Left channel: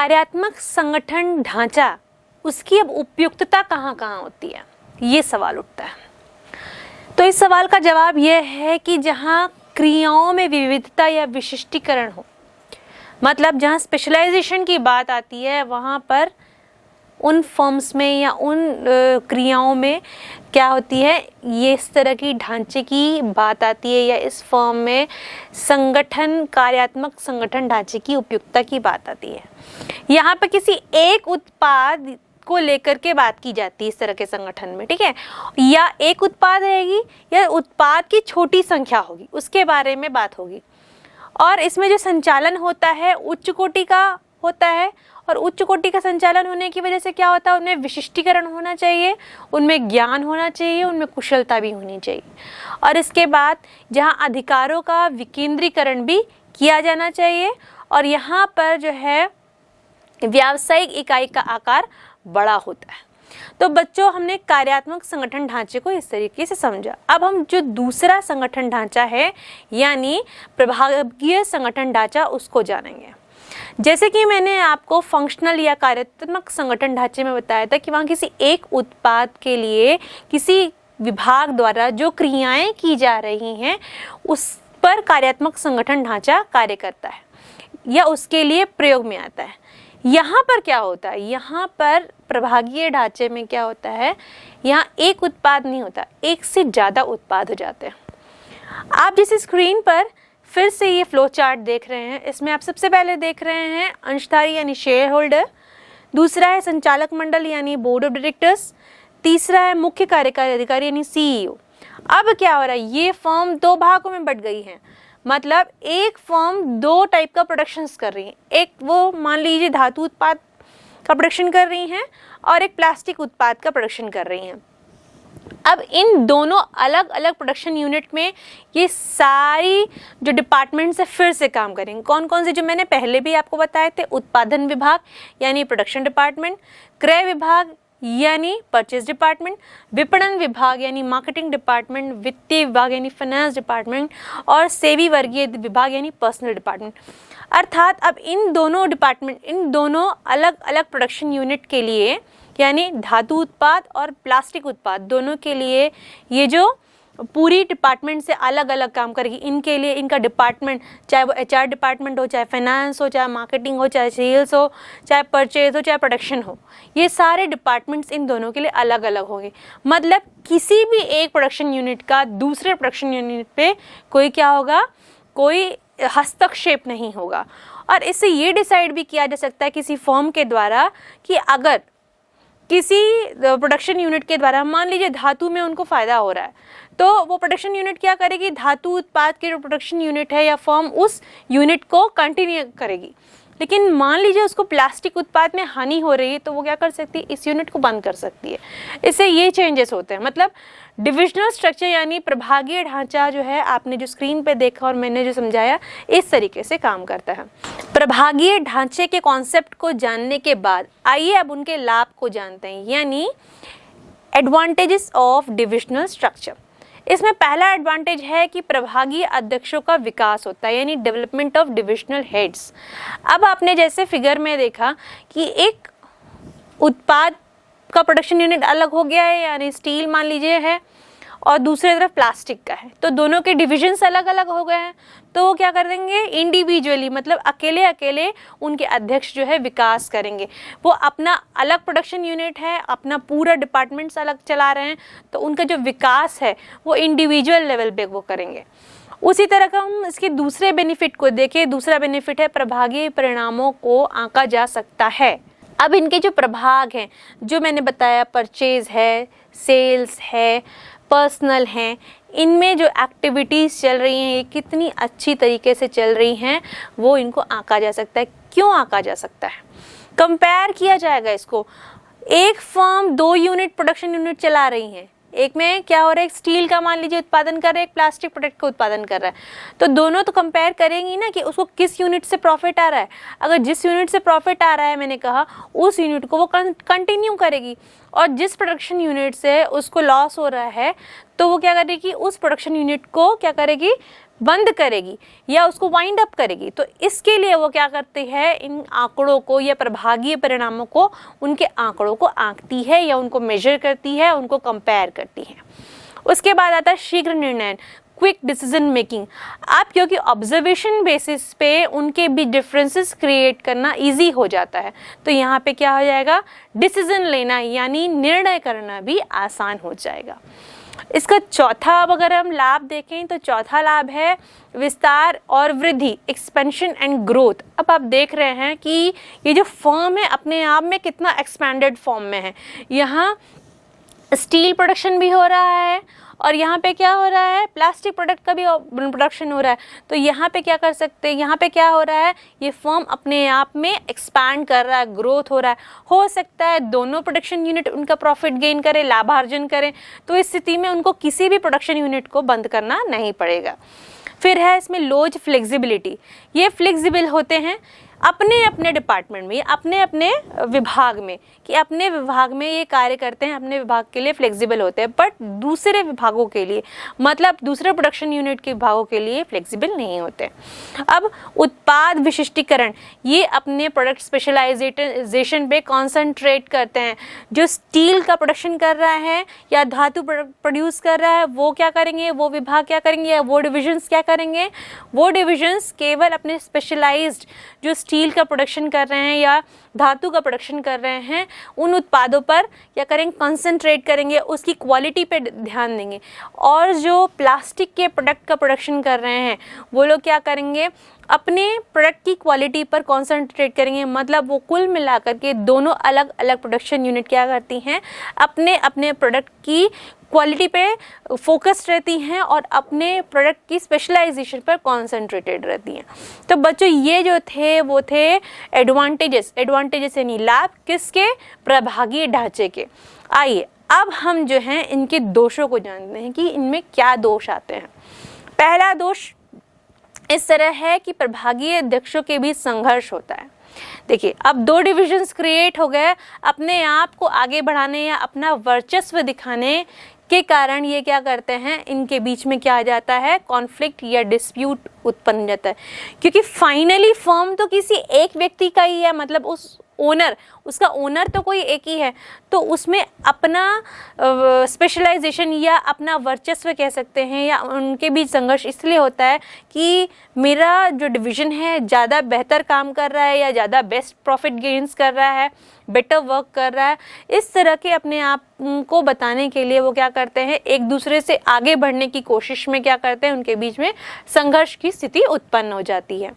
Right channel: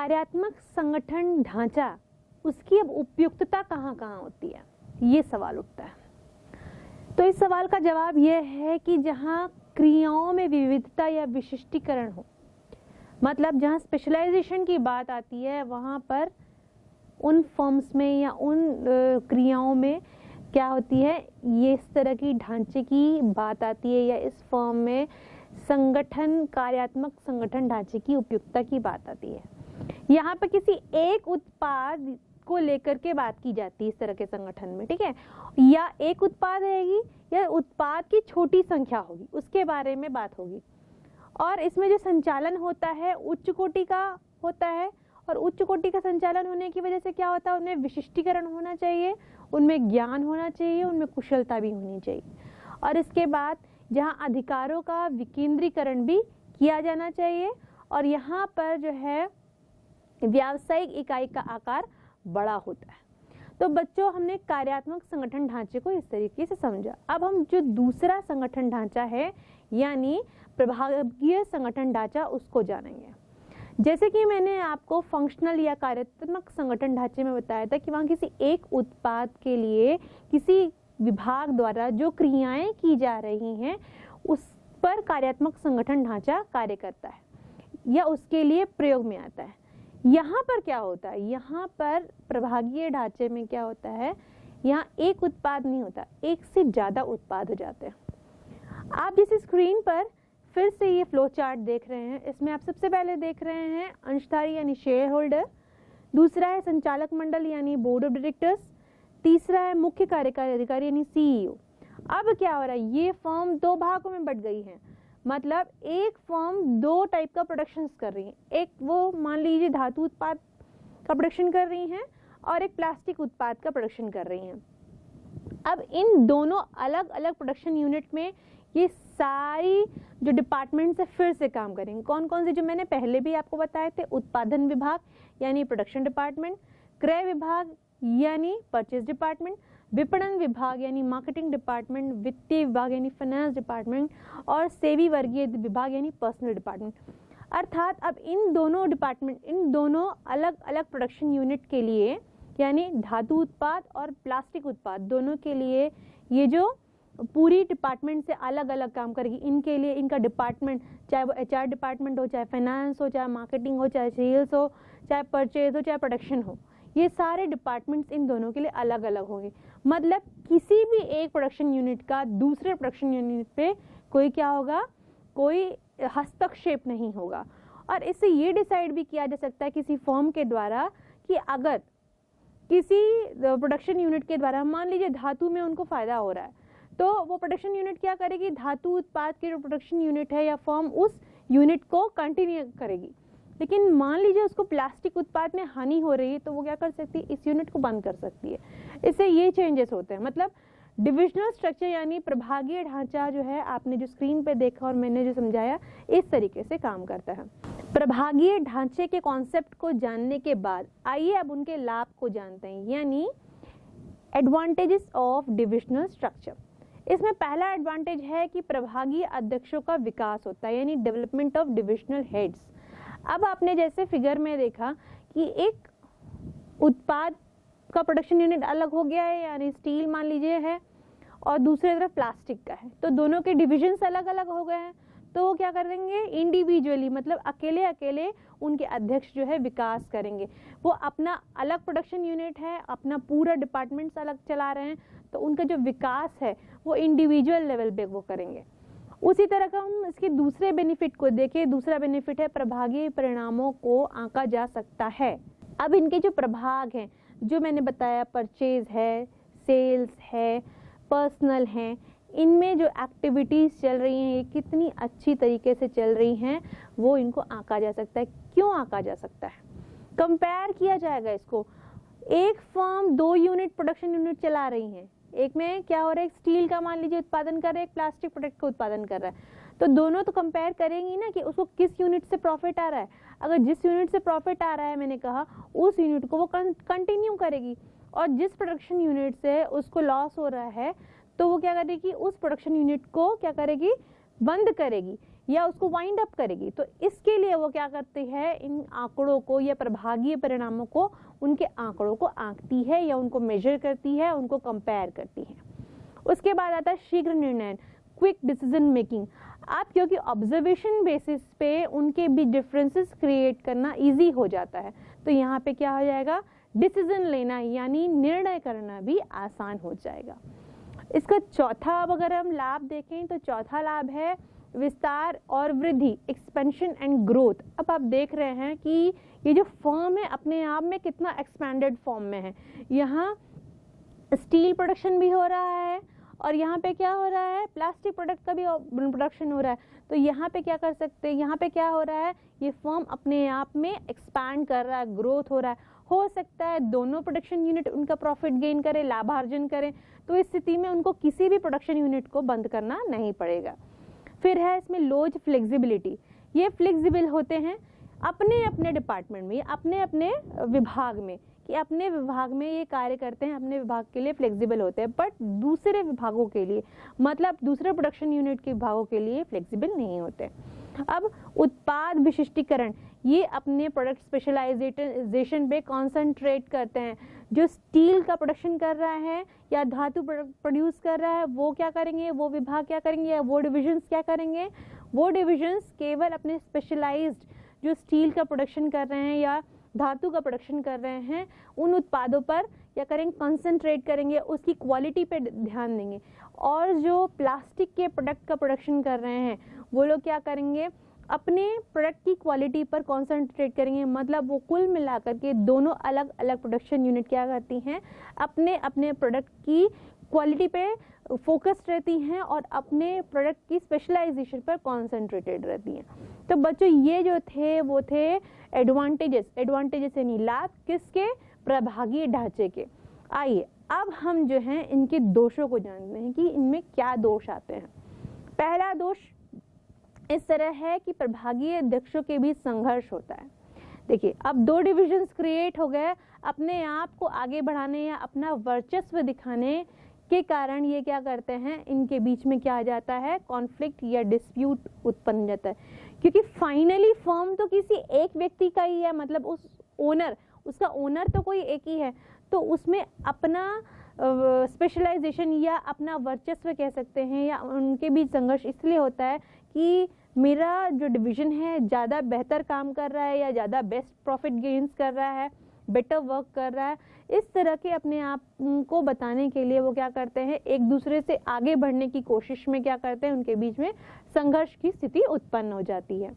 कार्यात्मक संगठन ढांचा, उसकी अब उपयुक्तता कहाँ कहाँ होती है, ये सवाल उठता है। तो इस सवाल का जवाब यह है कि जहाँ क्रियाओं में विविधता या विशिष्टीकरण हो, मतलब जहाँ स्पेशलाइजेशन की बात आती है, वहाँ पर उन फॉर्म्स में या उन क्रियाओं में क्या होती है, ये इस तरह की ढांचे की बात आती है, या इस फॉर्म में संगठन, कार्यात्मक संगठन ढांचे की उपयुक्तता की बात आती है। यहाँ पर किसी एक उत्पाद को लेकर के बात की जाती है इस तरह के संगठन में, ठीक है, या एक उत्पाद रहेगी या उत्पाद की छोटी संख्या होगी, उसके बारे में बात होगी। और इसमें जो संचालन होता है उच्च कोटि का होता है, और उच्च कोटि का संचालन होने की वजह से क्या होता है, उनमें विशिष्टीकरण होना चाहिए, उनमें ज्ञान होना चाहिए, उनमें कुशलता भी होनी चाहिए। और इसके बाद जहाँ अधिकारों का विकेंद्रीकरण भी किया जाना चाहिए, और यहाँ पर जो है व्यावसायिक इकाई का आकार बड़ा होता है। तो बच्चों, हमने कार्यात्मक संगठन ढांचे को इस तरीके से समझा। अब हम जो दूसरा संगठन ढांचा है यानी प्रभागीय संगठन ढांचा, उसको जानेंगे। जैसे कि मैंने आपको फंक्शनल या कार्यात्मक संगठन ढांचे में बताया था कि वहाँ किसी एक उत्पाद के लिए किसी विभाग द्वारा जो क्रियाएं की जा रही हैं उस पर कार्यात्मक संगठन ढांचा कार्य करता है या उसके लिए प्रयोग में आता है। यहाँ पर क्या होता है, यहाँ पर प्रभागीय ढांचे में क्या होता है, यहाँ एक उत्पाद नहीं होता, एक से ज़्यादा उत्पाद हो जाते हैं। आप जिस स्क्रीन पर फिर से ये फ्लो चार्ट देख रहे हैं, इसमें आप सबसे पहले देख रहे हैं अंशधारी यानी शेयर होल्डर, दूसरा है संचालक मंडल यानी बोर्ड ऑफ डायरेक्टर्स, तीसरा है मुख्य कार्यकारी अधिकारी यानी सीईओ। अब क्या हो रहा है, ये फर्म दो भागों में बट गई है, मतलब एक फर्म दो टाइप का प्रोडक्शंस कर रही है, एक वो मान लीजिए धातु उत्पाद का प्रोडक्शन कर रही हैं और एक प्लास्टिक उत्पाद का प्रोडक्शन कर रही हैं। अब इन दोनों अलग अलग प्रोडक्शन यूनिट में ये सारी जो डिपार्टमेंट्स है फिर से काम करेंगे। कौन कौन से, जो मैंने पहले भी आपको बताए थे, उत्पादन विभाग यानी प्रोडक्शन डिपार्टमेंट, क्रय विभाग यानी परचेज डिपार्टमेंट, विपणन विभाग यानी मार्केटिंग डिपार्टमेंट, वित्तीय विभाग यानी फाइनेंस डिपार्टमेंट, और सेवी वर्गीय विभाग यानी पर्सनल डिपार्टमेंट। अर्थात अब इन दोनों डिपार्टमेंट, इन दोनों अलग अलग प्रोडक्शन यूनिट के लिए यानी धातु उत्पाद और प्लास्टिक उत्पाद दोनों के लिए ये जो पूरी डिपार्टमेंट से अलग अलग काम करेगी, इनके लिए इनका डिपार्टमेंट, चाहे वो एचआर डिपार्टमेंट हो, चाहे फाइनेंस हो, चाहे मार्केटिंग हो, चाहे सेल्स हो, चाहे परचेज हो, चाहे प्रोडक्शन हो, ये सारे डिपार्टमेंट्स इन दोनों के लिए अलग अलग होंगे। मतलब किसी भी एक प्रोडक्शन यूनिट का दूसरे प्रोडक्शन यूनिट पे कोई क्या होगा, कोई हस्तक्षेप नहीं होगा। और इससे ये डिसाइड भी किया जा सकता है किसी फर्म के द्वारा कि अगर किसी प्रोडक्शन यूनिट के द्वारा मान लीजिए धातु में उनको फ़ायदा हो रहा है, तो वो प्रोडक्शन यूनिट क्या करेगी, धातु उत्पाद के जो प्रोडक्शन यूनिट है या फर्म उस यूनिट को कंटिन्यू करेगी। लेकिन मान लीजिए उसको प्लास्टिक उत्पाद में हानि हो रही है, तो वो क्या कर सकती है, इस यूनिट को बंद कर सकती है। इससे ये चेंजेस होते हैं। मतलब डिविजनल स्ट्रक्चर यानी प्रभागीय ढांचा जो है, आपने जो स्क्रीन पे देखा और मैंने जो समझाया, इस तरीके से काम करता है। प्रभागीय ढांचे के कॉन्सेप्ट को जानने के बाद आइए अब उनके लाभ को जानते हैं, यानी एडवांटेजेस ऑफ डिविजनल स्ट्रक्चर। इसमें पहला एडवांटेज है कि प्रभागीय अध्यक्षों का विकास होता है, यानी डेवलपमेंट ऑफ डिविजनल हेड्स। अब आपने जैसे फिगर में देखा कि एक उत्पाद का प्रोडक्शन यूनिट अलग हो गया है, यानी स्टील मान लीजिए है, और दूसरी तरफ प्लास्टिक का है, तो दोनों के डिविजन्स अलग अलग हो गए हैं। तो वो क्या कर देंगे, इंडिविजुअली, मतलब अकेले अकेले उनके अध्यक्ष जो है विकास करेंगे। वो अपना अलग प्रोडक्शन यूनिट है, अपना पूरा डिपार्टमेंट्स अलग चला रहे हैं, तो उनका जो विकास है वो इंडिविजुअल लेवल पे वो करेंगे। उसी तरह का हम इसके दूसरे बेनिफिट को देखें। दूसरा बेनिफिट है प्रभागीय परिणामों को आंका जा सकता है। अब इनके जो प्रभाग हैं, जो मैंने बताया, परचेज है, सेल्स है, पर्सनल हैं, इनमें जो एक्टिविटीज़ चल रही हैं ये कितनी अच्छी तरीके से चल रही हैं, वो इनको आंका जा सकता है। क्यों आंका जा सकता है, कंपेयर किया जाएगा इसको। एक फर्म दो यूनिट प्रोडक्शन यूनिट चला रही है, एक में क्या हो रहा है, एक स्टील का मान लीजिए उत्पादन कर रहा है, एक प्लास्टिक प्रोडक्ट का उत्पादन कर रहा है, तो दोनों तो कंपेयर करेंगी ना कि उसको किस यूनिट से प्रॉफिट आ रहा है। अगर जिस यूनिट से प्रॉफिट आ रहा है, मैंने कहा, उस यूनिट को वो कंटिन्यू करेगी, और जिस प्रोडक्शन यूनिट से उसको लॉस हो रहा है, तो वो क्या करेगी, उस प्रोडक्शन यूनिट को क्या करेगी, बंद करेगी या उसको वाइंड अप करेगी। तो इसके लिए वो क्या करती है, इन आंकड़ों को या प्रभागीय परिणामों को, उनके आंकड़ों को आंकती है या उनको मेजर करती है, उनको कंपेयर करती है। उसके बाद आता है शीघ्र निर्णय, क्विक डिसीजन मेकिंग। आप क्योंकि ऑब्जर्वेशन बेसिस पे उनके भी डिफरेंसेस क्रिएट करना इजी हो जाता है, तो यहाँ पे क्या हो जाएगा, डिसीजन लेना यानी निर्णय करना भी आसान हो जाएगा। इसका चौथा अब अगर हम लाभ देखें तो चौथा लाभ है विस्तार और वृद्धि, एक्सपेंशन एंड ग्रोथ। अब आप देख रहे हैं कि ये जो फर्म है अपने आप में कितना एक्सपैंडेड फॉर्म में है। यहाँ स्टील प्रोडक्शन भी हो रहा है और यहाँ पे क्या हो रहा है, प्लास्टिक प्रोडक्ट का भी प्रोडक्शन हो रहा है। तो यहाँ पे क्या कर सकते हैं, यहाँ पे क्या हो रहा है, ये फर्म अपने आप में एक्सपैंड कर रहा है, ग्रोथ हो रहा है। हो सकता है दोनों प्रोडक्शन यूनिट उनका प्रॉफिट गेन करे, लाभार्जन करें, तो इस स्थिति में उनको किसी भी प्रोडक्शन यूनिट को बंद करना नहीं पड़ेगा। फिर है इसमें लोज फ्लेक्सिबिलिटी, ये फ्लेक्सिबल होते हैं अपने अपने डिपार्टमेंट में, अपने अपने विभाग में, कि अपने विभाग में ये कार्य करते हैं, अपने विभाग के लिए फ्लेक्सिबल होते हैं, बट दूसरे विभागों के लिए, मतलब दूसरे प्रोडक्शन यूनिट के विभागों के लिए फ्लेक्सिबल नहीं होते। अब उत्पाद विशिष्टीकरण, ये अपने प्रोडक्ट स्पेशलाइजेशन पे कॉन्सेंट्रेट करते हैं। जो स्टील का प्रोडक्शन कर रहा है या धातु प्रोड्यूस कर रहा है, वो क्या करेंगे, वो विभाग क्या करेंगे या वो डिविजन्स क्या करेंगे, वो डिविजन्स केवल अपने स्पेशलाइज्ड जो स्टील का प्रोडक्शन कर रहे हैं या धातु का प्रोडक्शन कर रहे हैं, उन उत्पादों पर क्या करेंगे, कंसंट्रेट करेंगे, उसकी क्वालिटी पे ध्यान देंगे। और जो प्लास्टिक के प्रोडक्ट का प्रोडक्शन कर रहे हैं, वो लोग क्या करेंगे, अपने प्रोडक्ट की क्वालिटी पर कंसंट्रेट करेंगे। मतलब वो कुल मिलाकर के दोनों अलग अलग प्रोडक्शन यूनिट क्या करती हैं, अपने अपने प्रोडक्ट की क्वालिटी पे फोकस्ड रहती हैं और अपने प्रोडक्ट की स्पेशलाइजेशन पर कॉन्सेंट्रेटेड रहती हैं। तो बच्चों ये जो थे वो थे एडवांटेजेस यानी लाभ किसके, प्रभागीय ढांचे के। आइए अब हम जो हैं इनके दोषों को जानते हैं कि इनमें क्या दोष आते हैं। पहला दोष इस तरह है कि प्रभागीय अध्यक्षों के बीच संघर्ष होता है। देखिए अब दो डिविजन्स क्रिएट हो गए, अपने आप को आगे बढ़ाने या अपना वर्चस्व दिखाने के कारण ये क्या करते हैं, इनके बीच में क्या आ जाता है, कॉन्फ्लिक्ट या डिस्प्यूट उत्पन्न जाता है। क्योंकि फाइनली फर्म तो किसी एक व्यक्ति का ही है, मतलब उस ओनर, उसका ओनर तो कोई एक ही है, तो उसमें अपना स्पेशलाइजेशन या अपना वर्चस्व कह सकते हैं, या उनके बीच संघर्ष इसलिए होता है कि मेरा जो डिवीज़न है ज़्यादा बेहतर काम कर रहा है या ज़्यादा बेस्ट प्रॉफिट गेन्स कर रहा है, बेटर वर्क कर रहा है। इस तरह के अपने आप को बताने के लिए वो क्या करते हैं, एक दूसरे से आगे बढ़ने की कोशिश में क्या करते हैं, उनके बीच में संघर्ष की स्थिति उत्पन्न हो जाती है।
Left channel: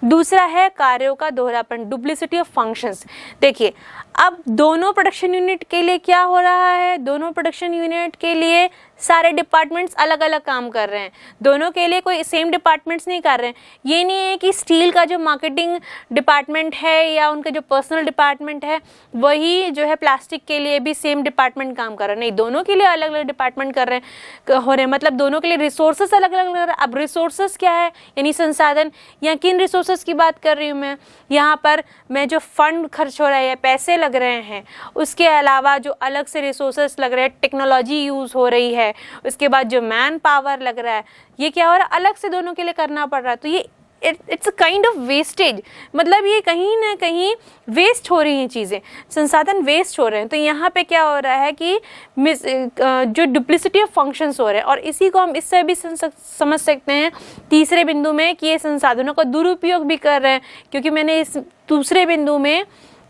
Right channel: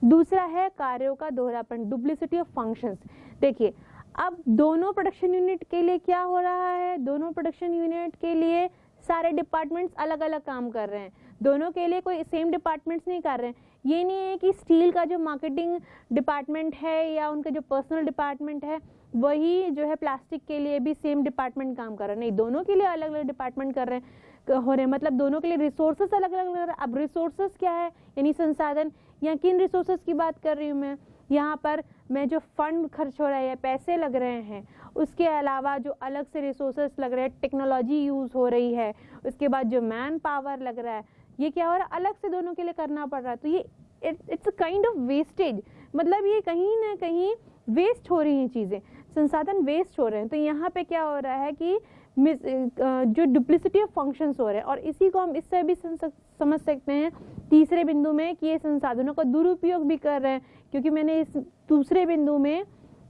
दूसरा है कार्यों का दोहरापन, डुप्लिसिटी ऑफ फंक्शंस। देखिए अब दोनों प्रोडक्शन यूनिट के लिए क्या हो रहा है, दोनों प्रोडक्शन यूनिट के लिए सारे डिपार्टमेंट्स अलग अलग काम कर रहे हैं, दोनों के लिए कोई सेम डिपार्टमेंट्स नहीं कर रहे हैं। ये नहीं है कि स्टील का जो मार्केटिंग डिपार्टमेंट है या उनका जो पर्सनल डिपार्टमेंट है वही जो है प्लास्टिक के लिए भी सेम डिपार्टमेंट काम कर रहे हैं, नहीं, दोनों के लिए अलग अलग डिपार्टमेंट कर रहे हैं हो रहे हैं, मतलब दोनों के लिए रिसोर्सेस अलग अलग लग रहे हैं। अब रिसोर्सेस क्या है, यानी संसाधन, या किन रिसोर्सेस की बात कर रही हूँ मैं, यहाँ पर मैं जो फंड खर्च हो रहा है, पैसे लग रहे हैं, उसके अलावा जो अलग से रिसोर्सेस लग रहे हैं, टेक्नोलॉजी यूज़ हो रही है, उसके बाद जो मैन पावर लग रहा है, ये क्या हो रहा है, अलग से दोनों के लिए करना पड़ रहा है। तो ये it's a kind of wastage, मतलब ये कहीं ना कहीं वेस्ट हो रही हैं चीज़ें, संसाधन वेस्ट हो रहे हैं। तो यहाँ पे क्या हो रहा है कि जो डुप्लिसिटी ऑफ फंक्शंस हो रहे हैं, और इसी को हम इससे भी समझ सकते हैं तीसरे बिंदु में कि ये संसाधनों का दुरुपयोग भी कर रहे हैं, क्योंकि मैंने इस दूसरे बिंदु में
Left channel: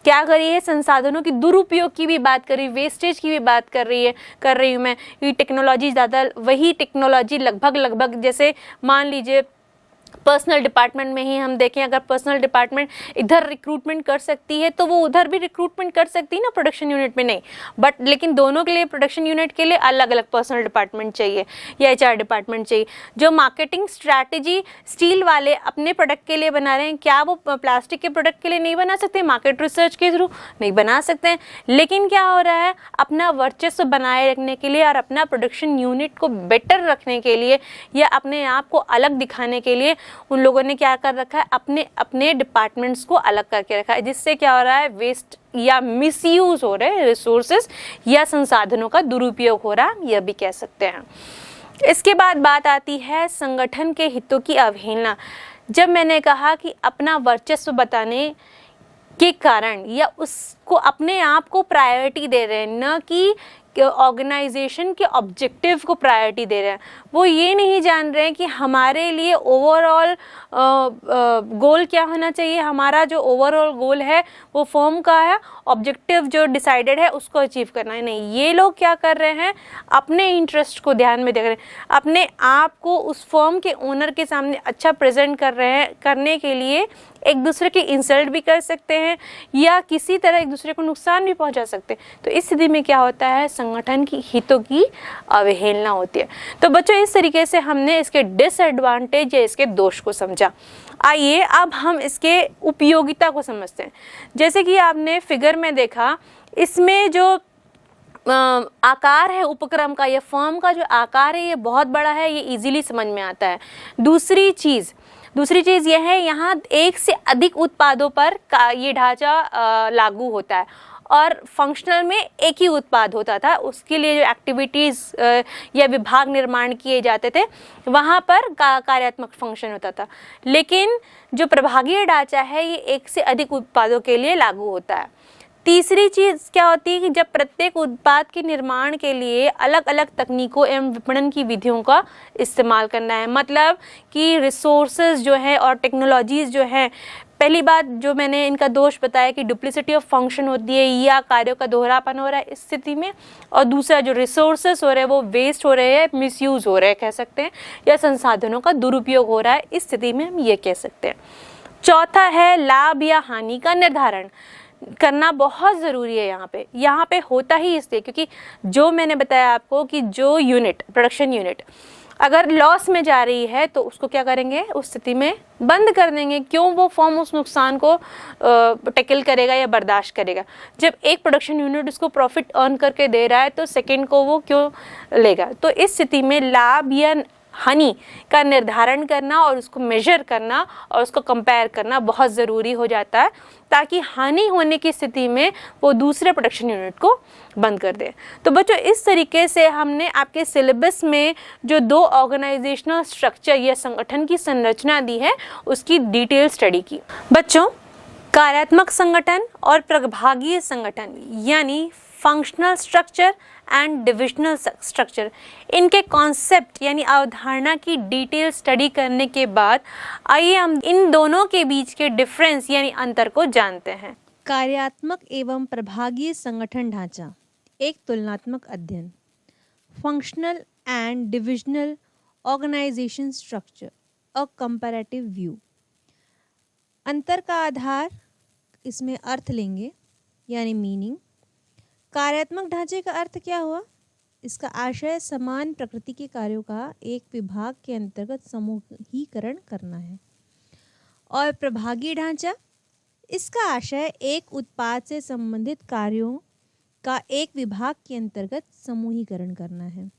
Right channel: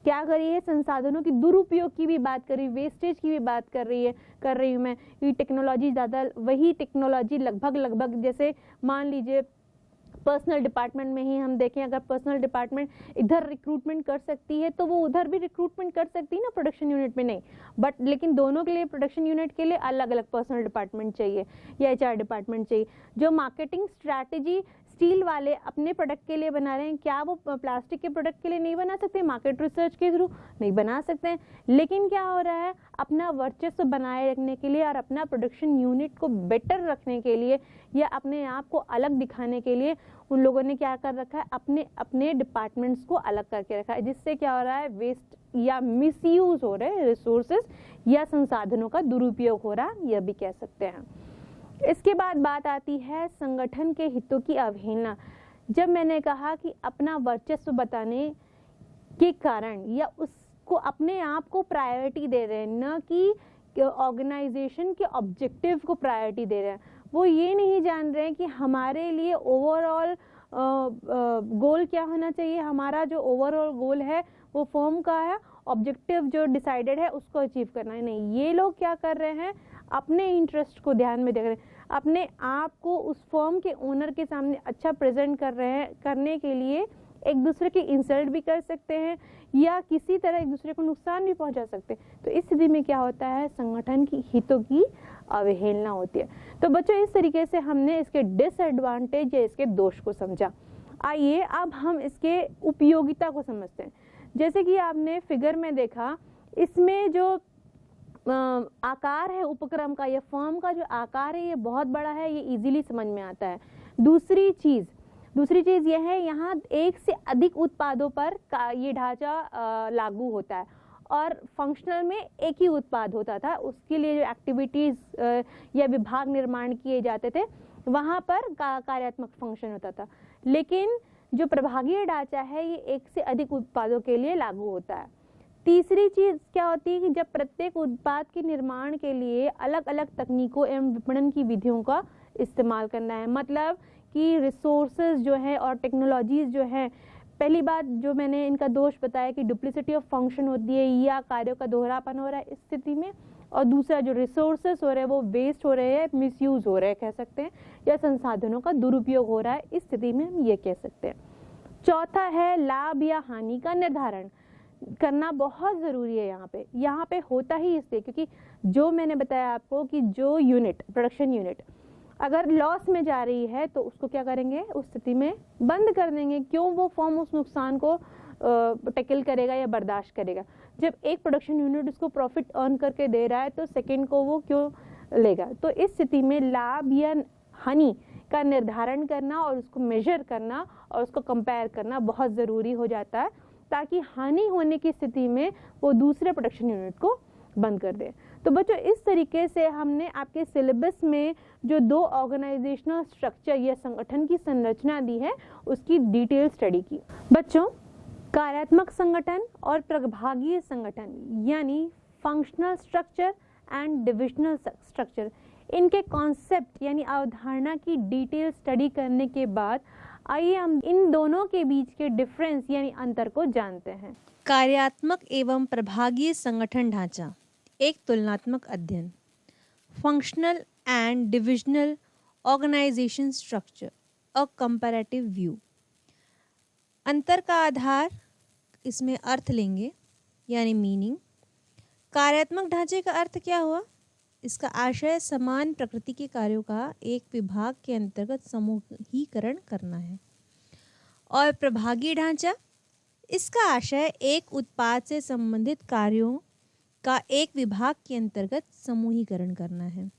क्या करी है, संसाधनों की दुरुपयोग की भी बात करी, वेस्टेज की भी बात कर रही हूँ मैं। ये टेक्नोलॉजी ज़्यादा, वही टेक्नोलॉजी लगभग जैसे मान लीजिए पर्सनल डिपार्टमेंट में ही हम देखें, अगर पर्सनल डिपार्टमेंट इधर रिक्रूटमेंट कर सकती है तो वो उधर भी रिक्रूटमेंट कर सकती है ना, प्रोडक्शन यूनिट में नहीं, बट लेकिन दोनों के लिए, प्रोडक्शन यूनिट के लिए अलग अलग पर्सनल डिपार्टमेंट चाहिए या HR डिपार्टमेंट चाहिए। जो मार्केटिंग स्ट्रैटेजी स्टील वाले अपने प्रोडक्ट के लिए बना रहे हैं, क्या वो प्लास्टिक के प्रोडक्ट के लिए नहीं बना सकते, मार्केट रिसर्च के थ्रू नहीं बना सकते हैं, लेकिन क्या हो रहा है, अपना वर्चस्व बनाए रखने के लिए और अपना प्रोडक्शन यूनिट को बेटर रखने के लिए या अपने आप को अलग दिखाने के लिए उन लोगों ने क्या कर रखा है, अपने अपने डिपार्टमेंट्स को अलग करके रखा है, जिससे क्या हो रहा है, वेस्ट या मिसयूज हो रहे हैं रिसोर्सेज या संसाधनों का दुरुपयोग हो रहा है, यह भी कह सकते हैं। इसके बाद बात आती है संगठन के हितों की अवहेलना। जब मैंने कहा कि अपना वर्चस्व बताने के कारण या उसको अपने आप को प्रायोरिटी दे रहे हैं, न कि ऑर्गेनाइजेशन के ऑब्जेक्टिव को प्रायोरिटी दे रहे हैं, वो ये नहीं जान रहे हैं कि हमारे लिए ओवरऑल गोल क्या होना चाहिए, हमारा जो ओवरऑल गोल है वो फर्म का है, ऑब्जेक्टिव जो डिसाइडेड है उसको अचीव करना है। नहीं, ये लोग क्या कर रहे हैं, अपने इंटरेस्ट को ध्यान में देख रहे हैं, अपने आप को उस फर्म के ओनर के सामने अच्छा प्रेजेंट कर रहे हैं, करने के लिए एक दूसरे की इंसल्ट भी कर सकते हैं या किसी तरह एक दूसरे को नुकसान भी पहुंचा सकते हैं। तो इस स्थिति में क्या होता है, संगठन की हितों की अवहेलना होती है। तो बच्चों, इस तरीके से हमने इसके डिसएडवांटेज या इसके दोष को समझा। आइए अब हम इसके उपयोगिता को समझते हैं। जैसे कि आपने फिगर में देखा, इसमें जो आकार है उपक्रम का या फर्म का जो आकार है ये बहुत बड़ा है, ये इजीली समझ में आता है। दूसरी चीज़ यह है, यहाँ एक से अधिक उत्पादों पर ये ढांचा लागू होता है और फंक्शनल में एक ही उत्पाद होता था। उसके लिए जो एक्टिविटीज़ या विभाग निर्माण किए जाते थे वहाँ पर कार्यात्मक फंक्शन होता था। लेकिन जो प्रभागीय ढांचा है ये एक से अधिक उत्पादों के लिए लागू होता है। तीसरी चीज़ क्या होती है कि जब प्रत्येक उत्पाद के निर्माण के लिए अलग अलग तकनीकों एवं विपणन की विधियों का इस्तेमाल करना है। मतलब कि रिसोर्सेज जो है और टेक्नोलॉजीज़ जो है, पहली बात जो मैंने इनका दोष बताया कि डुप्लिसिटी ऑफ फंक्शन होती है या कार्यों का दोहरापन हो रहा है इस स्थिति में, और दूसरा जो रिसोर्सेज हो रहे हैं वो वेस्ट हो रहे हैं, मिसयूज़ हो रहे हैं कह सकते हैं, या संसाधनों का दुरुपयोग हो रहा है, इस स्थिति में हम ये कह सकते हैं। चौथा है लाभ या हानि का निर्धारण करना बहुत ज़रूरी है। यहाँ पे होता ही इसलिए क्योंकि जो मैंने बताया आपको कि जो यूनिट, प्रोडक्शन यूनिट अगर लॉस में जा रही है तो उसको क्या करेंगे, उस स्थिति में बंद कर देंगे। क्यों वो फर्म उस नुकसान को टैकल करेगा या बर्दाश्त करेगा? जब एक प्रोडक्शन यूनिट उसको प्रॉफिट अर्न करके दे रहा है तो सेकंड को वो क्यों लेगा? तो इस स्थिति में लाभ या हानि का निर्धारण करना और उसको मेजर करना और उसको कंपेयर करना बहुत ज़रूरी हो जाता है, ताकि हानि होने की स्थिति में वो दूसरे प्रोडक्शन यूनिट को बंद कर दे। तो बच्चों, इस तरीके से हमने आपके सिलेबस में जो 2 ऑर्गेनाइजेशनल स्ट्रक्चर या संगठन की संरचना दी है उसकी डिटेल स्टडी की। बच्चों, कार्यात्मक संगठन और प्रभागीय संगठन यानी functional structure and divisional structure, इनके कॉन्सेप्ट यानी अवधारणा की डिटेल स्टडी करने के बाद आइए हम इन दोनों के बीच के डिफरेंस यानी अंतर को जानते हैं। कार्यात्मक एवं प्रभागीय संगठन ढांचा, एक तुलनात्मक अध्ययन। Functional and divisional organisation structure, a comparative व्यू। अंतर का आधार इसमें अर्थ लेंगे यानी मीनिंग। कार्यात्मक ढांचे का अर्थ क्या हुआ? इसका आशय समान प्रकृति के कार्यों का एक विभाग के अंतर्गत समूहीकरण करना है। और प्रभागीय ढांचा, इसका आशय एक उत्पाद से संबंधित कार्यों का एक विभाग के अंतर्गत समूहीकरण करना है।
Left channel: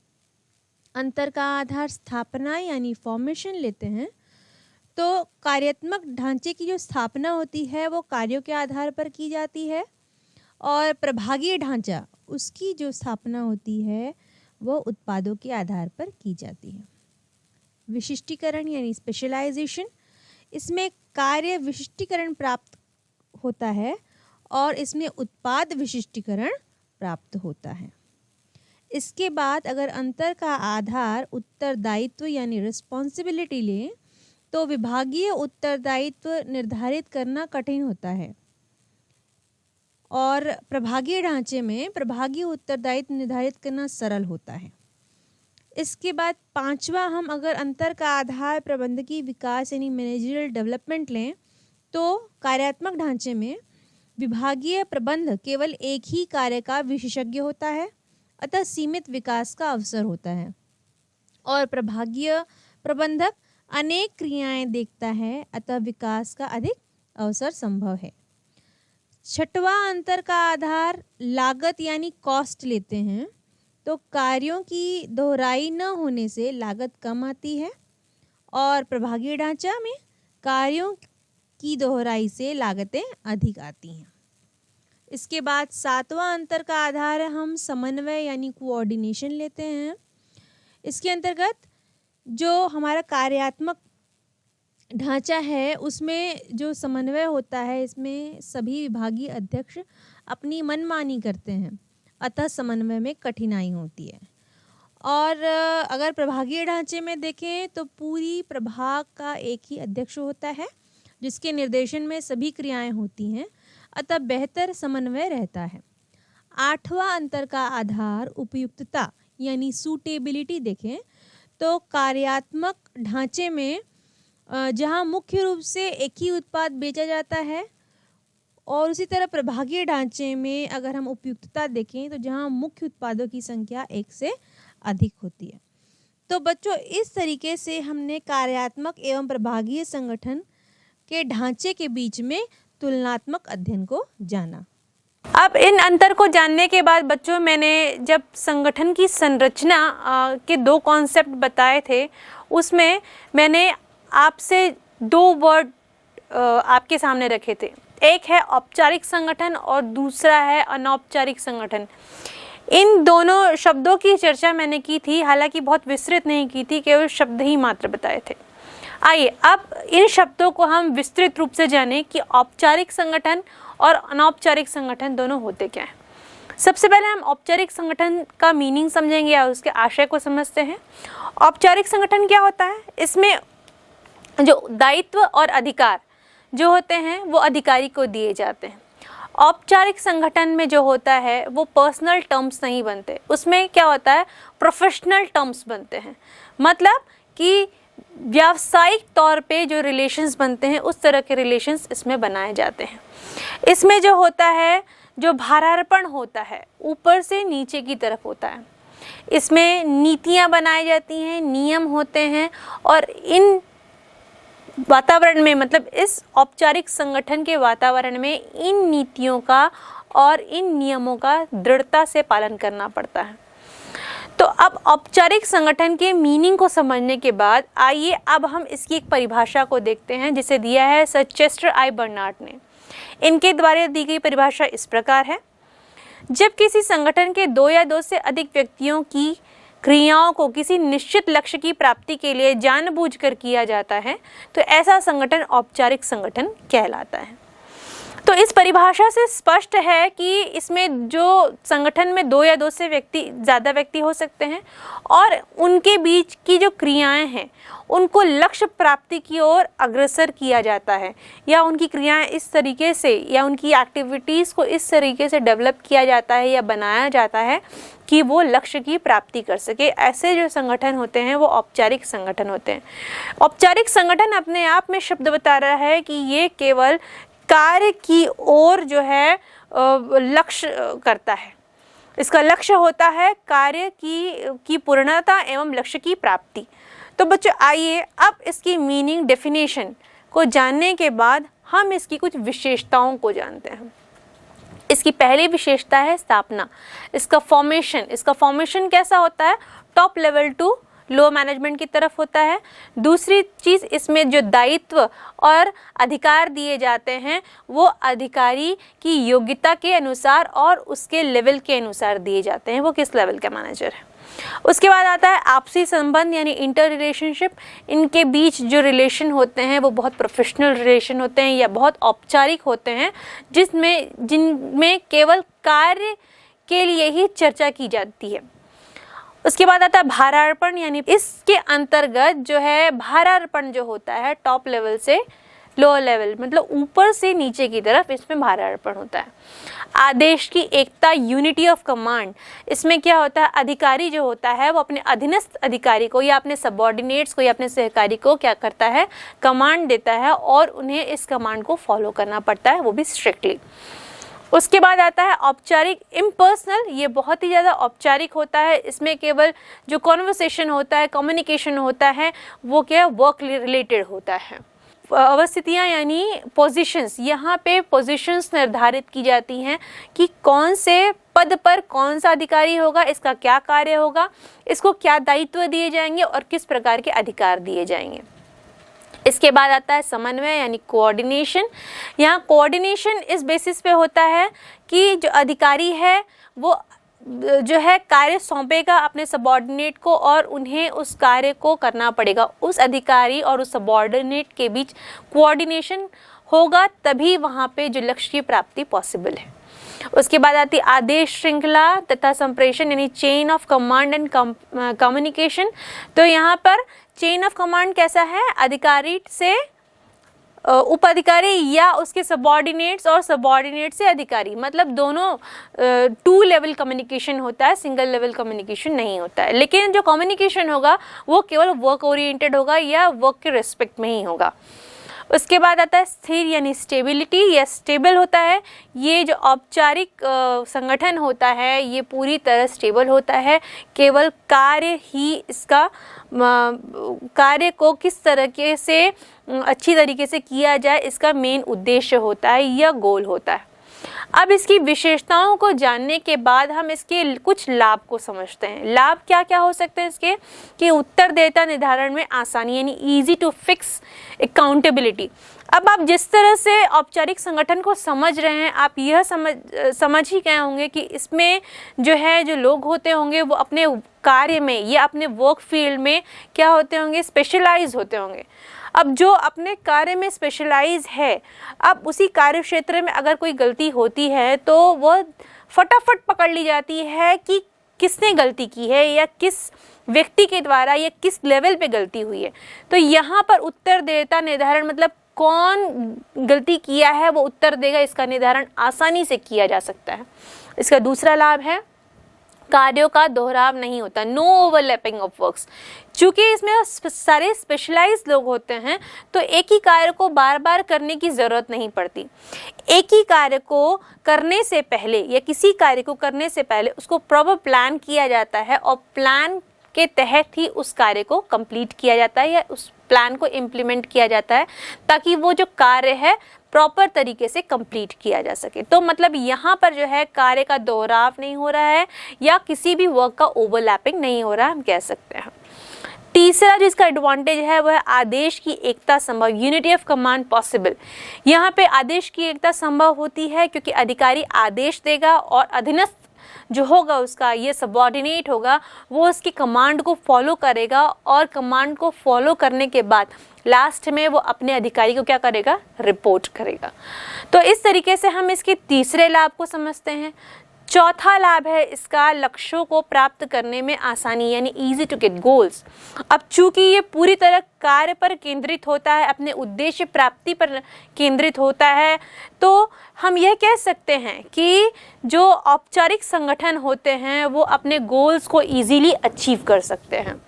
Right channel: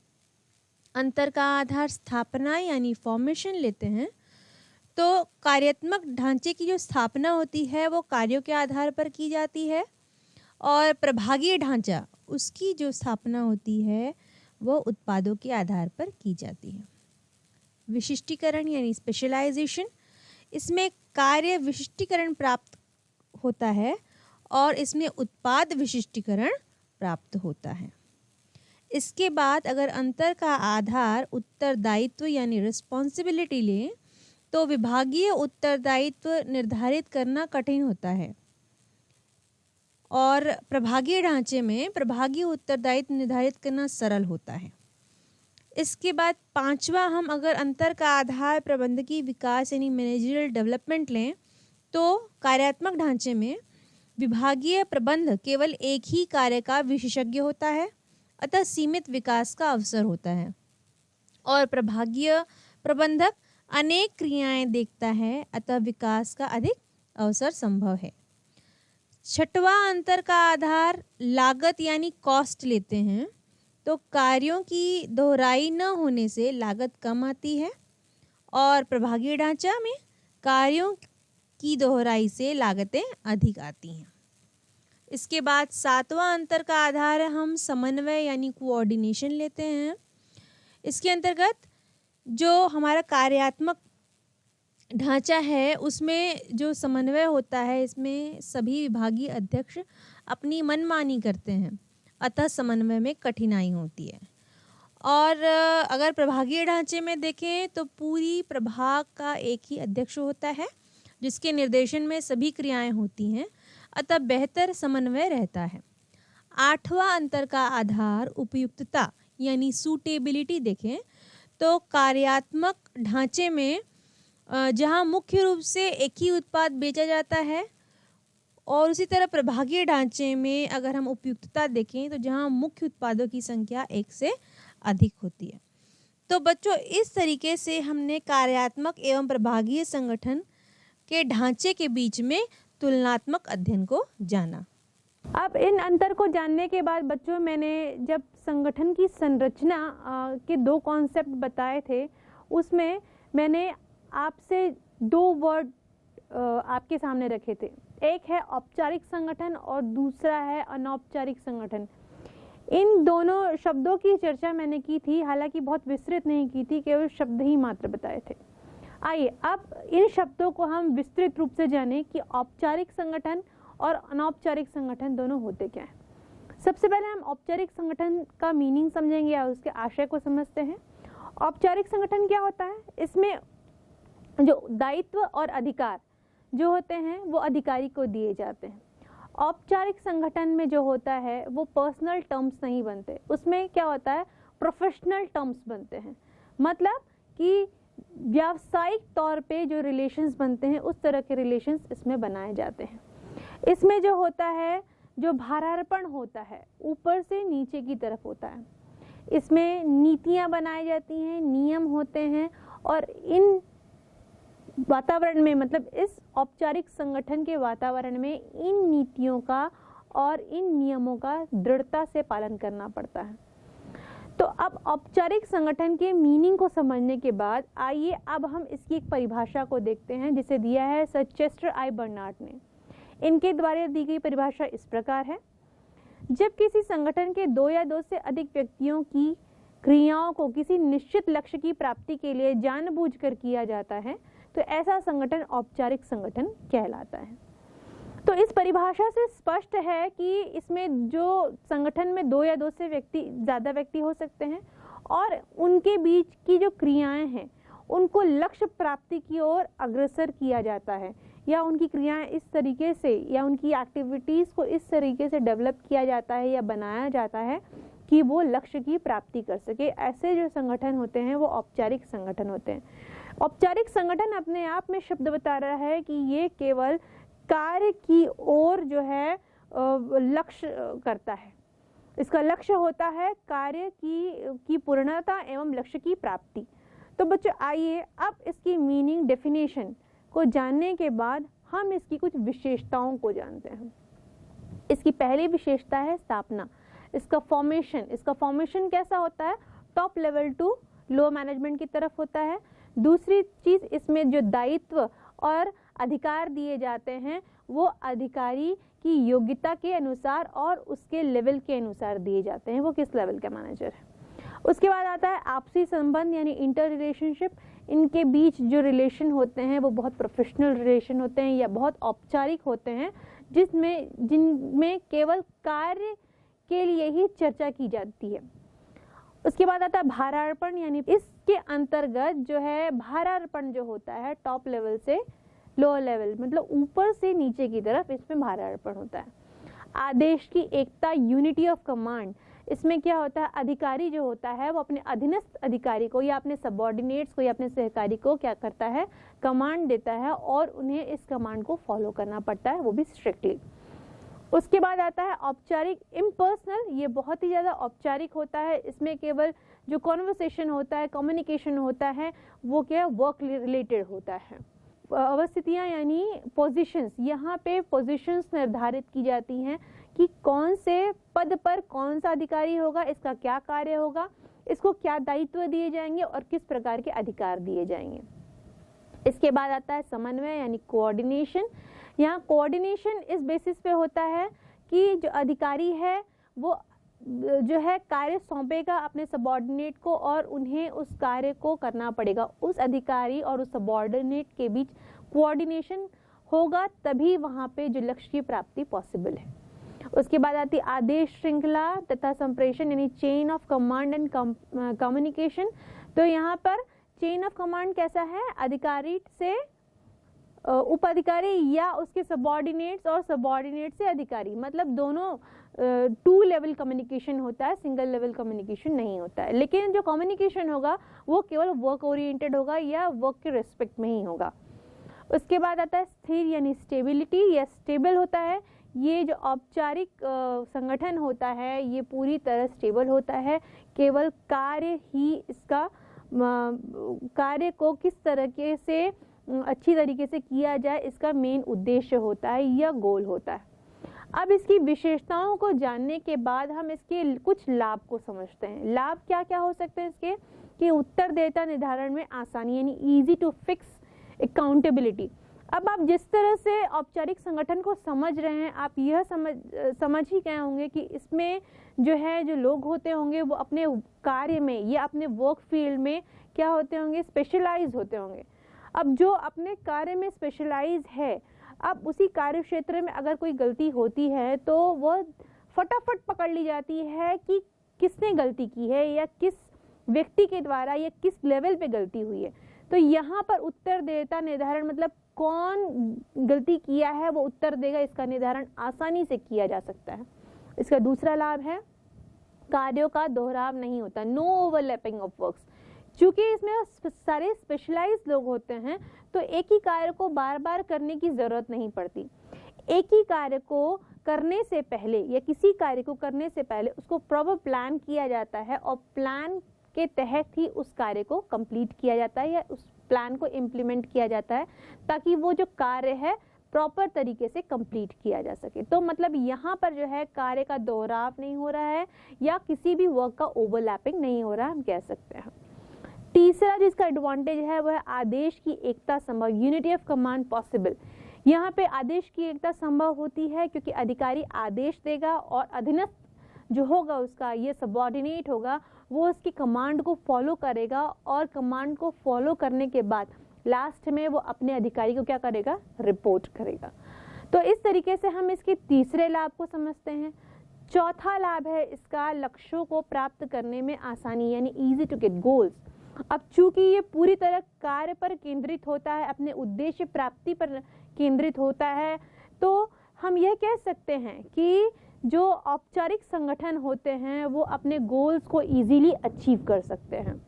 अंतर का आधार स्थापना यानी फॉर्मेशन लेते हैं तो कार्यात्मक ढांचे की जो स्थापना होती है वो कार्यों के आधार पर की जाती है, और प्रभागीय ढांचा उसकी जो स्थापना होती है वो उत्पादों के आधार पर की जाती है। विशिष्टीकरण यानी स्पेशलाइजेशन, इसमें कार्य विशिष्टीकरण प्राप्त होता है और इसमें उत्पाद विशिष्टीकरण प्राप्त होता है। इसके बाद अगर अंतर का आधार उत्तरदायित्व यानी रिस्पॉन्सिबिलिटी लें तो विभागीय उत्तरदायित्व निर्धारित करना कठिन होता है, और प्रभागीय ढांचे में प्रभागीय उत्तरदायित्व निर्धारित करना सरल होता है। इसके बाद पांचवा, हम अगर अंतर का आधार प्रबंधकीय विकास यानी मैनेजरियल डेवलपमेंट लें तो कार्यात्मक ढांचे में विभागीय प्रबंध केवल एक ही कार्य का विशेषज्ञ होता है, अतः सीमित विकास का अवसर होता है, और प्रभागीय प्रबंधक अनेक क्रियाएं देखता है, अतः विकास का अधिक अवसर संभव है। छठवां अंतर का आधार लागत यानी कॉस्ट लेते हैं तो कार्यों की दोहराई न होने से लागत कम आती है, और प्रभागीय ढांचा में कार्यों की दोहराई से लागतें अधिक आती हैं। इसके बाद सातवां अंतर का आधार हम समन्वय यानी कोऑर्डिनेशन लेते हैं। इसके अंतर्गत जो हमारा कार्यात्मक ढांचा है उसमें जो समन्वय होता है, इसमें सभी विभागीय अध्यक्ष अपनी मनमानी करते हैं, अतः समन्वय में कठिनाई होती है। और अगर प्रभागीय ढांचे में देखें तो पूरी प्रभाग का एक ही अध्यक्ष होता है जिसके निर्देशन में सभी क्रियाएं होती हैं, अतः बेहतर समन्वय रहता है। 8वां अंतर का आधार उपयुक्तता यानी सूटेबिलिटी देखें तो कार्यात्मक ढांचे में जहां मुख्य रूप से एक ही उत्पाद बेचा जाता है, और उसी तरह प्रभागीय ढांचे में अगर हम उपयुक्तता देखें तो जहां मुख्य उत्पादों की संख्या एक से अधिक होती है। तो बच्चों, इस तरीके से हमने कार्यात्मक एवं प्रभागीय संगठन के ढांचे के बीच में तुलनात्मक अध्ययन को जाना। अब इन अंतर को जानने के बाद बच्चों, मैंने जब संगठन की संरचना के 2 कॉन्सेप्ट बताए थे, उसमें मैंने आपसे 2 वर्ड आपके सामने रखे थे। एक है औपचारिक संगठन और दूसरा है अनौपचारिक संगठन। इन दोनों शब्दों की चर्चा मैंने की थी, हालांकि बहुत विस्तृत नहीं की थी, केवल शब्द ही मात्र बताए थे। आइए अब इन शब्दों को हम विस्तृत रूप से जानें कि औपचारिक संगठन और अनौपचारिक संगठन दोनों होते क्या हैं। सबसे पहले हम औपचारिक संगठन का मीनिंग समझेंगे या उसके आशय को समझते हैं। औपचारिक संगठन क्या होता है? इसमें जो दायित्व और अधिकार जो होते हैं वो अधिकारी को दिए जाते हैं। औपचारिक संगठन में जो होता है वो पर्सनल टर्म्स नहीं बनते, उसमें क्या होता है, प्रोफेशनल टर्म्स बनते हैं। मतलब कि व्यावसायिक तौर पे जो रिलेशंस बनते हैं उस तरह के रिलेशंस इसमें बनाए जाते हैं। इसमें जो होता है, जो भारार्पण होता है ऊपर से नीचे की तरफ होता है। इसमें नीतियां बनाई जाती हैं, नियम होते हैं, और इन वातावरण में, मतलब इस औपचारिक संगठन के वातावरण में इन नीतियों का और इन नियमों का दृढ़ता से पालन करना पड़ता है। तो अब औपचारिक संगठन के मीनिंग को समझने के बाद आइए अब हम इसकी एक परिभाषा को देखते हैं जिसे दिया है सर चेस्टर आई बर्नार्ड ने। इनके द्वारा दी गई परिभाषा इस प्रकार है: जब किसी संगठन के 2 या 2 से अधिक व्यक्तियों की क्रियाओं को किसी निश्चित लक्ष्य की प्राप्ति के लिए जानबूझकर किया जाता है तो ऐसा संगठन औपचारिक संगठन कहलाता है। तो इस परिभाषा से स्पष्ट है कि इसमें जो संगठन में 2 या 2 से ज़्यादा व्यक्ति हो सकते हैं और उनके बीच की जो क्रियाएं हैं उनको लक्ष्य प्राप्ति की ओर अग्रसर किया जाता है, या उनकी क्रियाएं इस तरीके से या उनकी एक्टिविटीज़ को इस तरीके से डेवलप किया जाता है या बनाया जाता है कि वो लक्ष्य की प्राप्ति कर सके। ऐसे जो संगठन होते हैं वो औपचारिक संगठन होते हैं। औपचारिक संगठन अपने आप में शब्द बता रहा है कि ये केवल कार्य की ओर जो है लक्ष्य करता है। इसका लक्ष्य होता है कार्य की पूर्णता एवं लक्ष्य की प्राप्ति। तो बच्चों आइए अब इसकी मीनिंग डेफिनेशन को जानने के बाद हम इसकी कुछ विशेषताओं को जानते हैं। इसकी पहली विशेषता है स्थापना, इसका फॉर्मेशन कैसा होता है, top level to low management की तरफ होता है। दूसरी चीज़, इसमें जो दायित्व और अधिकार दिए जाते हैं वो अधिकारी की योग्यता के अनुसार और उसके लेवल के अनुसार दिए जाते हैं, वो किस लेवल का मैनेजर है। उसके बाद आता है आपसी संबंध यानी इंटर रिलेशनशिप। इनके बीच जो रिलेशन होते हैं वो बहुत प्रोफेशनल रिलेशन होते हैं या बहुत औपचारिक होते हैं, जिनमें केवल कार्य के लिए ही चर्चा की जाती है। उसके बाद आता है भारार्पण, यानी इसके अंतर्गत जो है भारार्पण जो होता है टॉप लेवल से लो लेवल, मतलब ऊपर से नीचे की तरफ, इसमें भारार्पण होता है। आदेश की एकता यूनिटी ऑफ कमांड, इसमें क्या होता है, अधिकारी जो होता है वो अपने अधीनस्थ अधिकारी को या अपने सबऑर्डिनेट्स को या अपने सहकारी को क्या करता है, कमांड देता है और उन्हें इस कमांड को फॉलो करना पड़ता है, वो भी स्ट्रिक्टली। उसके बाद आता है औपचारिक इम्पर्सनल, ये बहुत ही ज़्यादा औपचारिक होता है। इसमें केवल जो कॉन्वर्सेशन होता है, कम्युनिकेशन होता है, वो क्या वर्क रिलेटेड होता है। अवस्थितियाँ यानी पोजीशंस, यहाँ पे पोजीशंस निर्धारित की जाती हैं कि कौन से पद पर कौन सा अधिकारी होगा, इसका क्या कार्य होगा, इसको क्या दायित्व दिए जाएंगे और किस प्रकार के अधिकार दिए जाएंगे। इसके बाद आता है समन्वय यानी कोऑर्डिनेशन। यहाँ कोऑर्डिनेशन इस बेसिस पे होता है कि जो अधिकारी है वो जो है कार्य सौंपेगा अपने सबॉर्डिनेट को और उन्हें उस कार्य को करना पड़ेगा। उस अधिकारी और उस सबॉर्डिनेट के बीच कोऑर्डिनेशन होगा, तभी वहाँ पे जो लक्ष्य की प्राप्ति पॉसिबल है। उसके बाद आती है आदेश श्रृंखला तथा संप्रेषण, यानी chain of command and communication. तो यहाँ पर चेन ऑफ कमांड कैसा है, अधिकारी से उपाधिकारी या उसके सबॉर्डिनेट्स और सबॉर्डिनेट से अधिकारी, मतलब दोनों 2 लेवल कम्युनिकेशन होता है, सिंगल लेवल कम्युनिकेशन नहीं होता है। लेकिन जो कम्युनिकेशन होगा वो केवल वर्क ओरिएंटेड होगा या वर्क के रिस्पेक्ट में ही होगा। उसके बाद आता है स्थिर यानी स्टेबिलिटी, या स्टेबल होता है। ये जो औपचारिक संगठन होता है ये पूरी तरह स्टेबल होता है, केवल कार्य ही इसका कार्य को किस तरीके से अच्छी तरीके से किया जाए इसका मेन उद्देश्य होता है या गोल होता है। अब इसकी विशेषताओं को जानने के बाद हम इसके कुछ लाभ को समझते हैं। लाभ क्या क्या हो सकते हैं इसके, कि उत्तरदायिता निर्धारण में आसानी, यानी इजी टू फिक्स अकाउंटेबिलिटी। अब आप जिस तरह से औपचारिक संगठन को समझ रहे हैं, आप यह समझ ही गए होंगे कि इसमें जो है जो लोग होते होंगे वो अपने कार्य में या अपने वर्क फील्ड में क्या होते होंगे, स्पेशलाइज होते होंगे। अब जो अपने कार्य में स्पेशलाइज है, अब उसी कार्य क्षेत्र में अगर कोई गलती होती है तो वह फटाफट पकड़ ली जाती है कि किसने गलती की है या किस व्यक्ति के द्वारा या किस लेवल पे गलती हुई है। तो यहाँ पर उत्तरदायिता निर्धारण मतलब कौन गलती किया है वो उत्तर देगा, इसका निर्धारण आसानी से किया जा सकता है। इसका दूसरा लाभ है कार्यों का दोहराव नहीं होता, नो ओवरलैपिंग ऑफ वर्क्स। चूँकि इसमें सारे स्पेशलाइज्ड लोग होते हैं तो एक ही कार्य को बार बार करने की ज़रूरत नहीं पड़ती। एक ही कार्य को करने से पहले या किसी कार्य को करने से पहले उसको प्रॉपर प्लान किया जाता है और प्लान के तहत ही उस कार्य को कंप्लीट किया जाता है या उस प्लान को इम्प्लीमेंट किया जाता है, ताकि वो जो कार्य है प्रॉपर तरीके से कंप्लीट किया जा सके। तो मतलब यहाँ पर जो है कार्य का दोहराव नहीं हो रहा है या किसी भी वर्क का ओवरलैपिंग नहीं हो रहा है, हम कह सकते हैं। तीसरा जो इसका एडवांटेज है वह है आदेश की एकता संभव, यूनिटी ऑफ कमांड पॉसिबल। यहाँ पे आदेश की एकता संभव होती है क्योंकि अधिकारी आदेश देगा और अधीनस्थ जो होगा उसका ये सबऑर्डिनेट होगा, वो उसकी कमांड को फॉलो करेगा और कमांड को फॉलो करने के बाद लास्ट में वो अपने अधिकारी को क्या करेगा, रिपोर्ट करेगा। तो इस तरीके से हम इसके तीसरे लाभ को समझते हैं। चौथा लाभ है इसका लक्ष्यों को प्राप्त करने में आसानी, यानी इजी टू गेट गोल्स। अब चूंकि ये पूरी तरह कार्य पर केंद्रित होता है, अपने उद्देश्य प्राप्ति पर केंद्रित होता है, तो हम यह कह सकते हैं कि जो औपचारिक संगठन होते हैं वो अपने गोल्स को इजीली अचीव कर सकते हैं।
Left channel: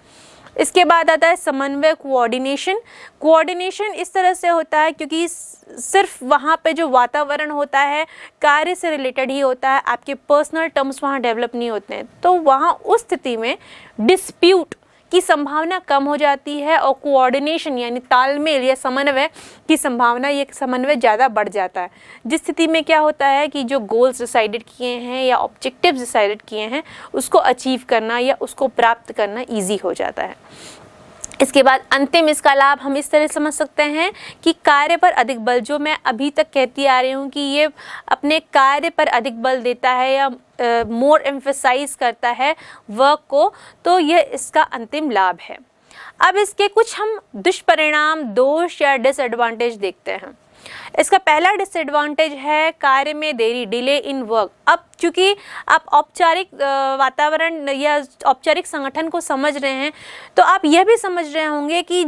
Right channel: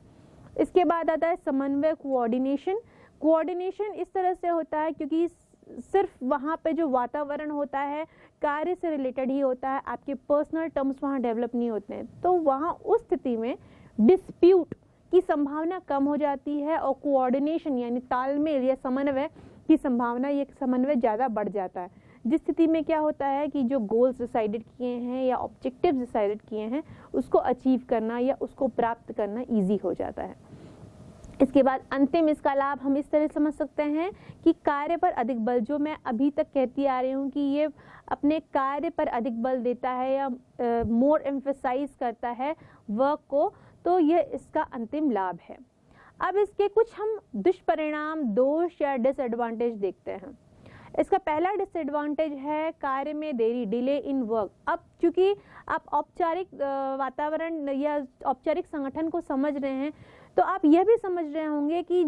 इसके बाद आता है समन्वय, कोऑर्डिनेशन। कोऑर्डिनेशन इस तरह से होता है क्योंकि सिर्फ वहाँ पे जो वातावरण होता है कार्य से रिलेटेड ही होता है, आपके पर्सनल टर्म्स वहाँ डेवलप नहीं होते हैं, तो वहाँ उस स्थिति में डिस्प्यूट की संभावना कम हो जाती है और कोऑर्डिनेशन यानी तालमेल या समन्वय की संभावना, ये समन्वय ज़्यादा बढ़ जाता है, जिस स्थिति में क्या होता है कि जो गोल्स डिसाइडेड किए हैं या ऑब्जेक्टिव्स डिसाइडेड किए हैं उसको अचीव करना या उसको प्राप्त करना ईजी हो जाता है। इसके बाद अंतिम इसका लाभ हम इस तरह समझ सकते हैं कि कार्य पर अधिक बल, जो मैं अभी तक कहती आ रही हूँ कि ये अपने कार्य पर अधिक बल देता है या मोर एम्फेसाइज करता है वर्क को, तो यह इसका अंतिम लाभ है। अब इसके कुछ हम दुष्परिणाम, दोष या डिसएडवांटेज देखते हैं। इसका पहला डिसएडवांटेज है कार्य में देरी, डिले इन वर्क। अब चूंकि आप औपचारिक वातावरण या औपचारिक संगठन को समझ रहे हैं तो आप यह भी समझ रहे होंगे कि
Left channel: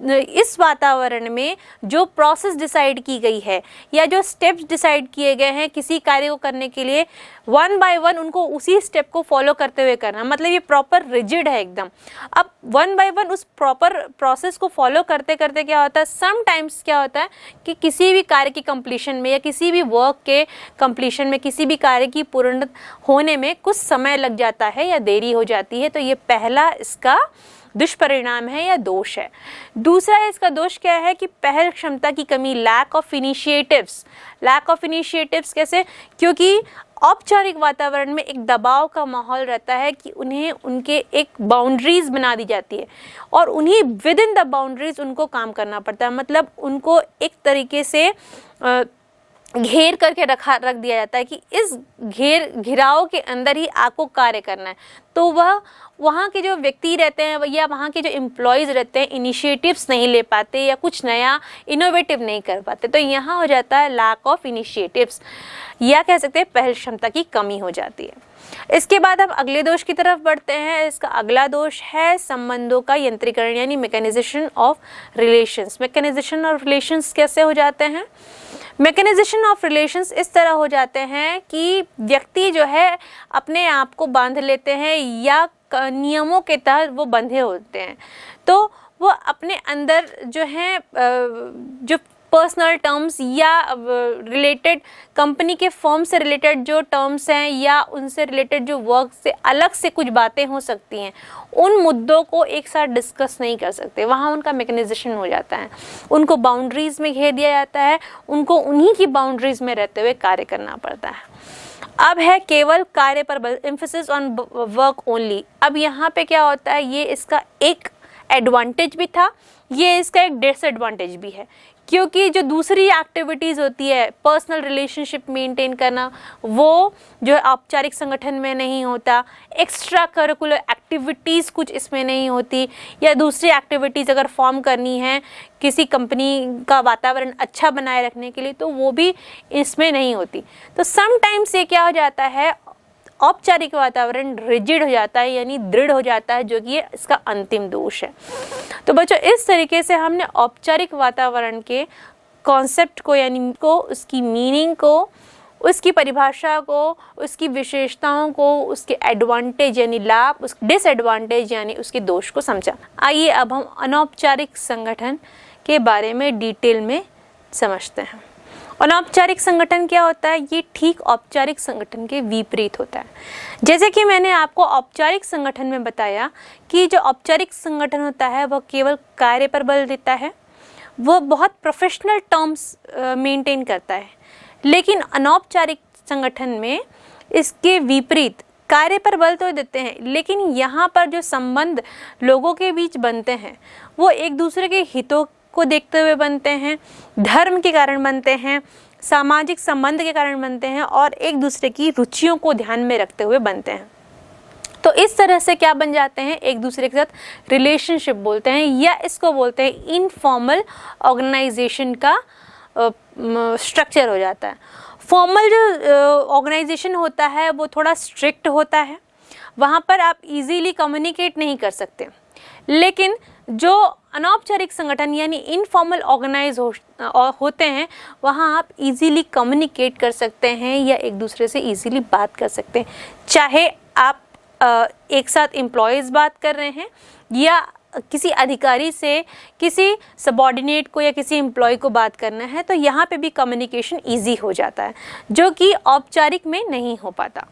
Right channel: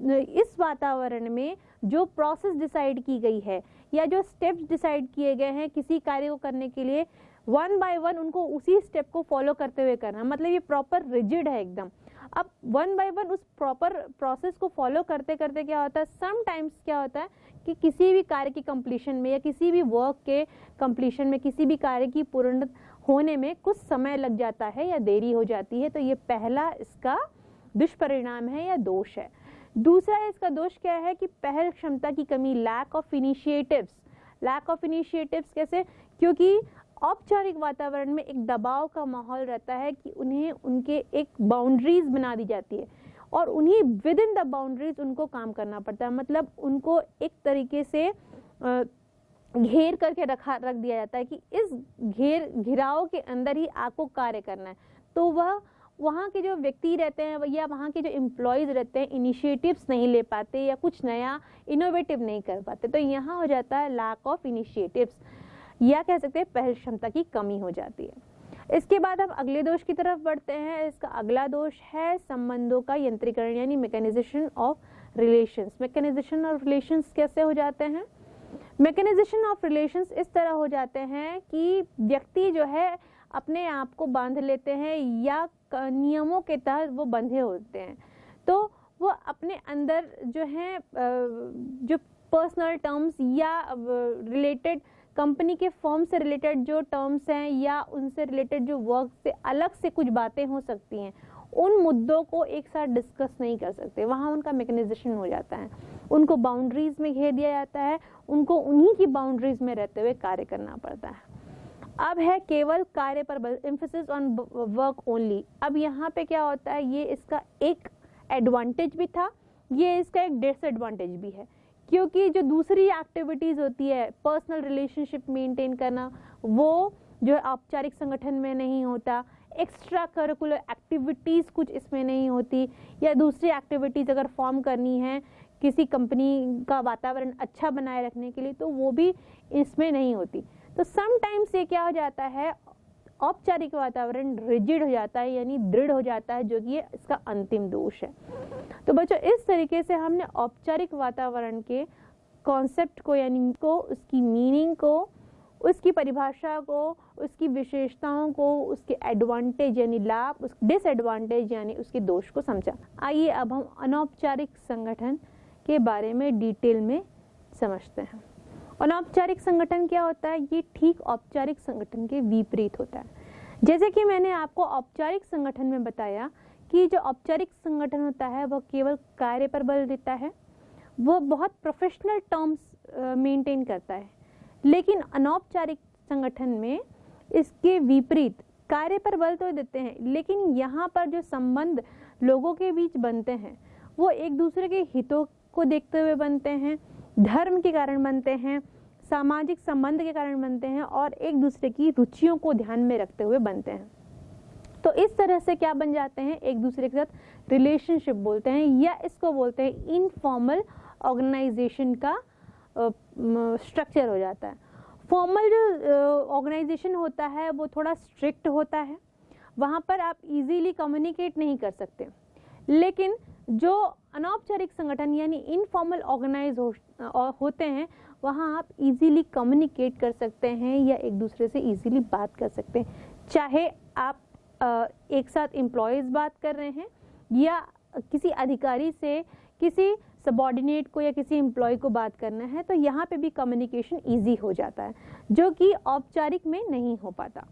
इस वातावरण में जो प्रोसेस डिसाइड की गई है या जो स्टेप्स डिसाइड किए गए हैं किसी कार्य को करने के लिए, वन बाय वन उनको उसी स्टेप को फॉलो करते हुए करना, मतलब ये प्रॉपर रिजिड है एकदम। अब वन बाय वन उस प्रॉपर प्रोसेस को फॉलो करते करते क्या होता है, समटाइम्स क्या होता है कि किसी भी कार्य की कंप्लीशन में या किसी भी वर्क के कंप्लीशन में, किसी भी कार्य की पूर्ण होने में कुछ समय लग जाता है या देरी हो जाती है। तो ये पहला इसका दुष्परिणाम है या दोष है। दूसरा इसका दोष क्या है कि पहल क्षमता की कमी, lack of initiatives. Lack of initiatives कैसे, क्योंकि औपचारिक वातावरण में एक दबाव का माहौल रहता है कि उन्हें उनके एक बाउंड्रीज बना दी जाती है और उन्हीं विद इन द बाउंड्रीज उनको काम करना पड़ता है, मतलब उनको एक तरीके से घेर करके रख दिया जाता है कि इस घिराव के अंदर ही आपको कार्य करना है, तो वह वहाँ के जो व्यक्ति रहते हैं या वहाँ के जो एम्प्लॉयज़ रहते हैं इनिशिएटिव्स नहीं ले पाते या कुछ नया इनोवेटिव नहीं कर पाते। तो यहाँ हो जाता है लैक ऑफ इनिशिएटिव्स, या कह सकते हैं पहल क्षमता की कमी हो जाती है। इसके बाद हम अगले दोष की तरफ बढ़ते हैं। इसका अगला दोष है संबंधों का यंत्रीकरण यानी mechanisation of relations. Mechanisation of relations कैसे हो जाते हैं? मैकेनाइजेशन ऑफ रिलेशंस इस तरह हो जाते हैं कि व्यक्ति जो है अपने आप को बांध लेते हैं या नियमों के तहत वो बंधे होते हैं, तो वो अपने अंदर जो है जो पर्सनल टर्म्स या रिलेटेड कंपनी के फर्म से रिलेटेड जो टर्म्स हैं या उनसे रिलेटेड जो वर्क से अलग से कुछ बातें हो सकती हैं, उन मुद्दों को एक साथ डिस्कस नहीं कर सकते। वहाँ उनका मैकेनाइजेशन हो जाता है, उनको बाउंड्रीज़ में घेर दिया जाता है, उनको उन्हीं की बाउंड्रीज़ में रहते हुए कार्य करना पड़ता है। अब है केवल कार्य पर बल, एम्फेसिस ऑन वर्क ओनली। अब यहाँ पे क्या होता है, ये इसका एक एडवांटेज भी था, ये इसका एक डिसएडवांटेज भी है, क्योंकि जो दूसरी एक्टिविटीज़ होती है पर्सनल रिलेशनशिप मेंटेन करना, वो जो है औपचारिक संगठन में नहीं होता। एक्स्ट्रा करिकुलर एक्टिविटीज़ कुछ इसमें नहीं होती, या दूसरी एक्टिविटीज़ अगर फॉर्म करनी है किसी कंपनी का वातावरण अच्छा बनाए रखने के लिए, तो वो भी इसमें नहीं होती। तो समटाइम्स ये क्या हो जाता है, औपचारिक वातावरण रिजिड हो जाता है यानी दृढ़ हो जाता है, जो कि ये इसका अंतिम दोष है। तो बच्चों, इस तरीके से हमने औपचारिक वातावरण के कॉन्सेप्ट को यानी को उसकी मीनिंग को, उसकी परिभाषा को, उसकी विशेषताओं को, उसके एडवांटेज यानी लाभ, उस डिसएडवांटेज यानी उसके दोष को समझा। आइए अब हम अनौपचारिक संगठन के बारे में डिटेल में समझते हैं। अनौपचारिक संगठन क्या होता है? ये ठीक औपचारिक संगठन के विपरीत होता है। जैसे कि मैंने आपको औपचारिक संगठन में बताया कि जो औपचारिक संगठन होता है वह केवल कार्य पर बल देता है, वह बहुत प्रोफेशनल टर्म्स मेंटेन करता है। लेकिन अनौपचारिक संगठन में इसके विपरीत कार्य पर बल तो देते हैं, लेकिन यहाँ पर जो संबंध लोगों के बीच बनते हैं वो एक दूसरे के हितों को देखते हुए बनते हैं, धर्म के कारण बनते हैं, सामाजिक संबंध के कारण बनते हैं और एक दूसरे की रुचियों को ध्यान में रखते हुए बनते हैं। तो इस तरह से क्या बन जाते हैं, एक दूसरे के साथ रिलेशनशिप बोलते हैं, या इसको बोलते हैं इनफॉर्मल ऑर्गेनाइजेशन का स्ट्रक्चर हो जाता है। फॉर्मल जो ऑर्गेनाइजेशन होता है वो थोड़ा स्ट्रिक्ट होता है, वहाँ पर आप इजीली कम्युनिकेट नहीं कर सकते। लेकिन जो अनौपचारिक संगठन यानी इनफॉर्मल ऑर्गेनाइज होते हैं, वहाँ आप इजीली कम्युनिकेट कर सकते हैं या एक दूसरे से इजीली बात कर सकते हैं। चाहे आप एक साथ एम्प्लॉयज़ बात कर रहे हैं या किसी अधिकारी से किसी सबॉर्डिनेट को या किसी एम्प्लॉय को बात करना है, तो यहाँ पे भी कम्युनिकेशन इजी हो जाता है, जो कि औपचारिक में नहीं हो पाता।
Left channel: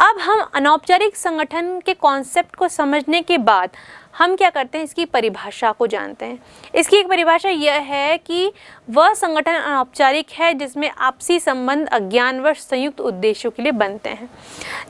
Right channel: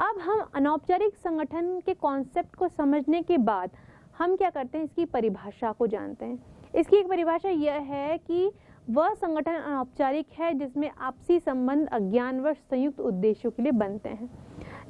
अब हम अनौपचारिक संगठन के कॉन्सेप्ट को समझने के बाद हम क्या करते हैं, इसकी परिभाषा को जानते हैं। इसकी एक परिभाषा यह है कि वह संगठन अनौपचारिक है जिसमें आपसी संबंध अज्ञानवश संयुक्त उद्देश्यों के लिए बनते हैं।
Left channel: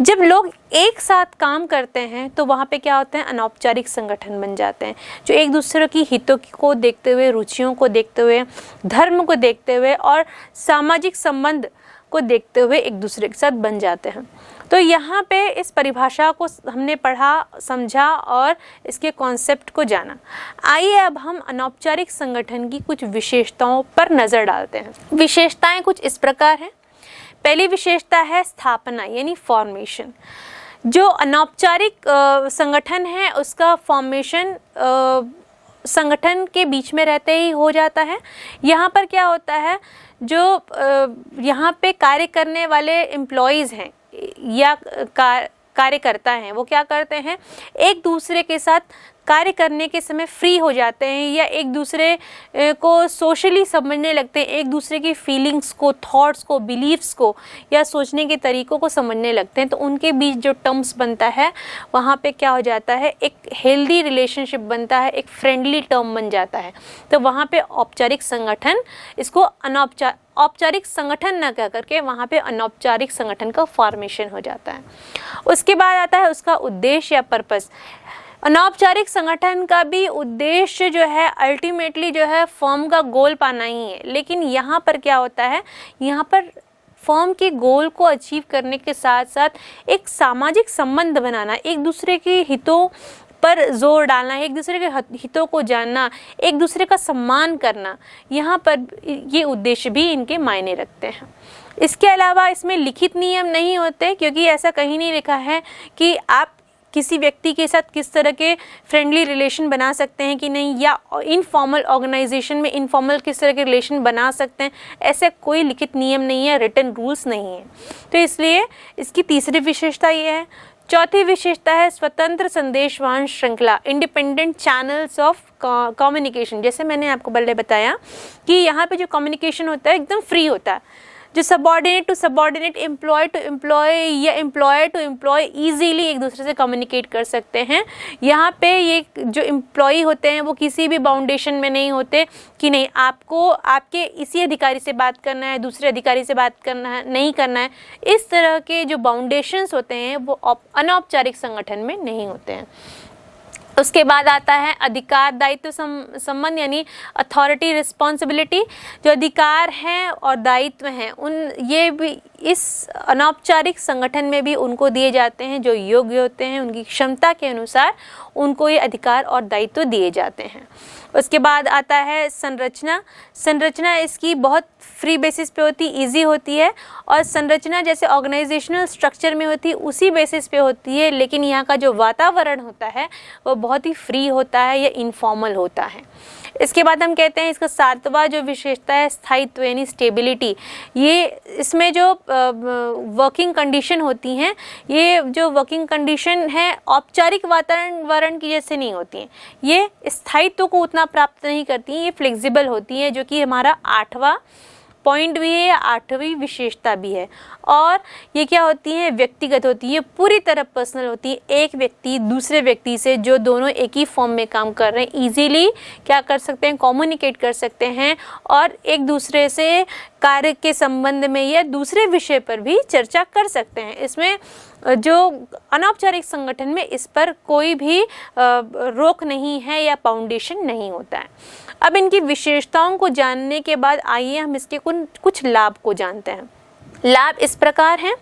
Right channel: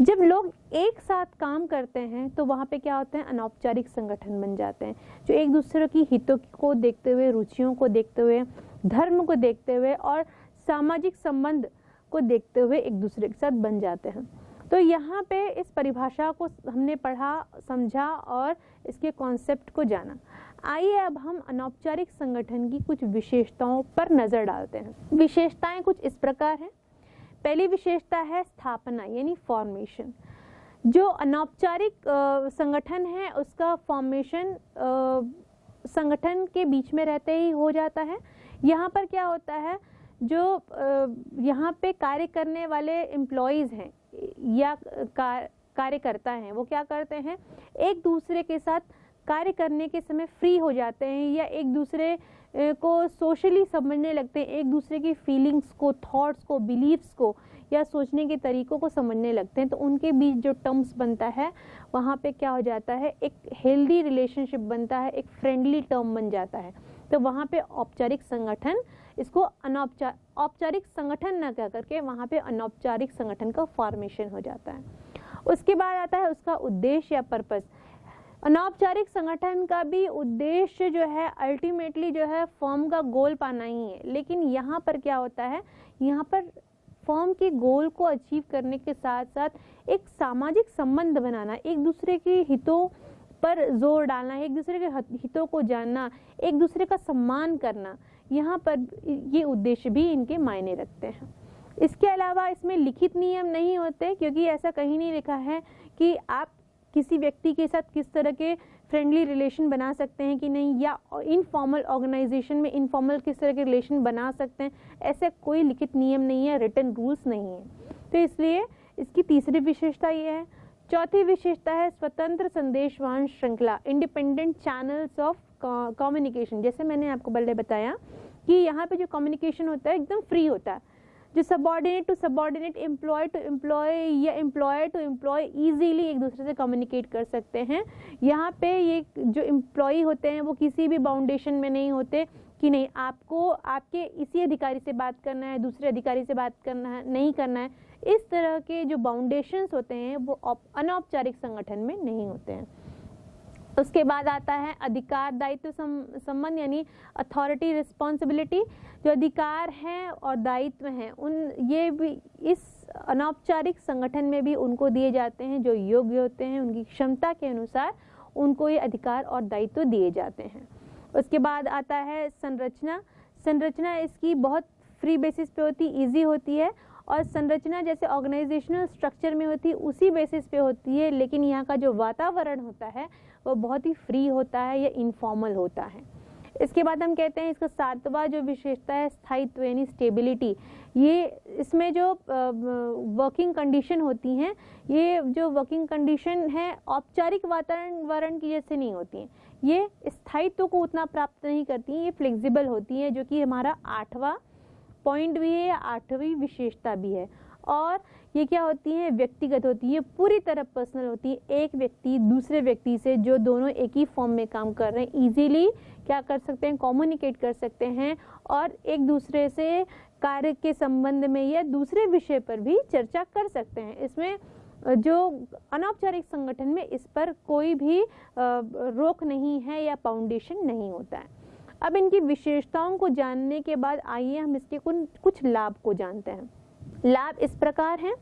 जब लोग एक साथ काम करते हैं तो वहाँ पे क्या होते हैं, अनौपचारिक संगठन बन जाते हैं, जो एक दूसरे की हितों को देखते हुए, रुचियों को देखते हुए, धर्म को देखते हुए और सामाजिक संबंध को देखते हुए एक दूसरे के साथ बन जाते हैं। तो यहाँ पे इस परिभाषा को हमने पढ़ा, समझा और इसके कॉन्सेप्ट को जाना। आइए अब हम अनौपचारिक संगठन की कुछ विशेषताओं पर नज़र डालते हैं। विशेषताएं कुछ इस प्रकार हैं। पहली विशेषता है स्थापना यानी फॉर्मेशन। जो अनौपचारिक संगठन है उसका फॉर्मेशन संगठन के बीच में रहते ही हो जाता है। यहाँ पर क्या होता है, जो यहाँ पे कार्य करने वाले एम्प्लॉयज़ हैं या कार्यकर्ता हैं, वो क्या करते हैं, एक दूसरे के साथ कार्य करने के समय फ्री हो जाते हैं या एक दूसरे को सोशली समझने लगते हैं, एक दूसरे की फीलिंग्स को, थॉट्स को, बिलीव्स को या सोचने के तरीक़ों को समझने लगते हैं। तो उनके बीच जो टर्म्स बनता है वहाँ पे क्या हो जाता है, एक हेल्दी रिलेशनशिप बनता है, एक फ्रेंडली टर्म बन जाता है। तो वहाँ पे औपचारिक संगठन, इसको औपचारिक संगठन न कह करके वहाँ पे अनौपचारिक संगठन का फॉर्मेशन हो जाता है। उसके बाद आता है उसका उद्देश्य या पर्पस। अनौपचारिक संगठन का भी उद्देश्य जो है अल्टीमेटली जो है फर्म का गोल पाना ही है, लेकिन यहाँ पर क्या होता है, यहाँ पर फर्म के गोल को अचीव करने के साथ साथ एक सामाजिक संबंध बनाना, एक दूसरे के हितों पर जोर डालना, एक दूसरे के हितों को जानना, एक दूसरे का सम्मान करना, यहाँ पर ये उद्देश्य भी इनके मायने रखते हैं। इसके अलावा इसमें लिखित नियम नहीं होते, क्योंकि ऐसा कहीं नहीं लिखा है कि आप किसी व्यक्ति के साथ किस तरह के फ्रेंडली रिलेशन बना सकते हैं कि नहीं, या इनफॉर्मल ऑर्गेनाइजेशन में इनफॉर्मल किस तरह के रिलेशन बना सकते हैं, ऐसा कोई लिखित नियम नहीं है, रिटन रूल्स नहीं है। तो इसलिए इसकी तीसरी विशेषता ये है। चौथी विशेषता है स्वतंत्र संदेशवाहन श्रृंखला, इंडिपेंडेंट चैनल्स ऑफ कम्युनिकेशन। जैसे मैंने आपको पहले बताया कि यहाँ पे जो कम्युनिकेशन होता है एकदम फ्री होता है, जो subordinate to subordinate, employ to employ या एम्प्लॉयर टू एम्प्लॉय ईजीली एक दूसरे से कम्युनिकेट कर सकते हैं। यहाँ पे ये जो एम्प्लॉय होते हैं वो किसी भी बाउंडेशन में नहीं होते कि नहीं आपको आपके इसी अधिकारी से बात करना है, दूसरे अधिकारी से बात करना है, नहीं करना है। इस तरह के जो बाउंडेशंस होते हैं वो अनौपचारिक संगठन में नहीं होते हैं। उसके बाद आता है अधिकार दायित्व संबंध, यानी अथॉरिटी रिस्पॉन्सिबिलिटी। जो अधिकार हैं और दायित्व हैं उन ये भी इस अनौपचारिक संगठन में भी उनको दिए जाते हैं, जो योग्य होते हैं उनकी क्षमता के अनुसार उनको ये अधिकार और दायित्व दिए जाते हैं। उसके बाद आता है संरचना। संरचना इसकी बहुत फ्री बेसिस पे होती, इजी होती है, और संरचना जैसे ऑर्गेनाइजेशनल स्ट्रक्चर में होती उसी बेसिस पे होती है, लेकिन यहाँ का जो वातावरण होता है वो बहुत ही फ्री होता है या इनफॉर्मल होता है। इसके बाद हम कहते हैं इसका सातवां जो विशेषता है स्थायित्व यानी स्टेबिलिटी। ये इसमें जो वर्किंग कंडीशन होती हैं, ये जो वर्किंग कंडीशन है औपचारिक वातावरण की जैसे नहीं होती हैं, ये स्थायित्व को उतना प्राप्त नहीं करती हैं, ये फ्लेक्सिबल होती हैं, जो कि हमारा 8वां पॉइंट भी है, 8वीं विशेषता भी है। और ये क्या होती हैं, व्यक्तिगत होती है, पूरी तरह पर्सनल होती है। एक व्यक्ति दूसरे व्यक्ति से जो दोनों एक ही फॉर्म में काम कर रहे हैं ईजीली क्या कर सकते हैं, कम्युनिकेट कर सकते हैं और एक दूसरे से कार्य के संबंध में या दूसरे विषय पर भी चर्चा कर सकते हैं। इसमें जो अनौपचारिक संगठन में इस पर कोई भी रोक नहीं है या फाउंडेशन नहीं होता है। अब इनकी विशेषताओं को जानने के बाद आइए हम इसके कुछ लाभ को जानते हैं। लाभ इस प्रकार हैं।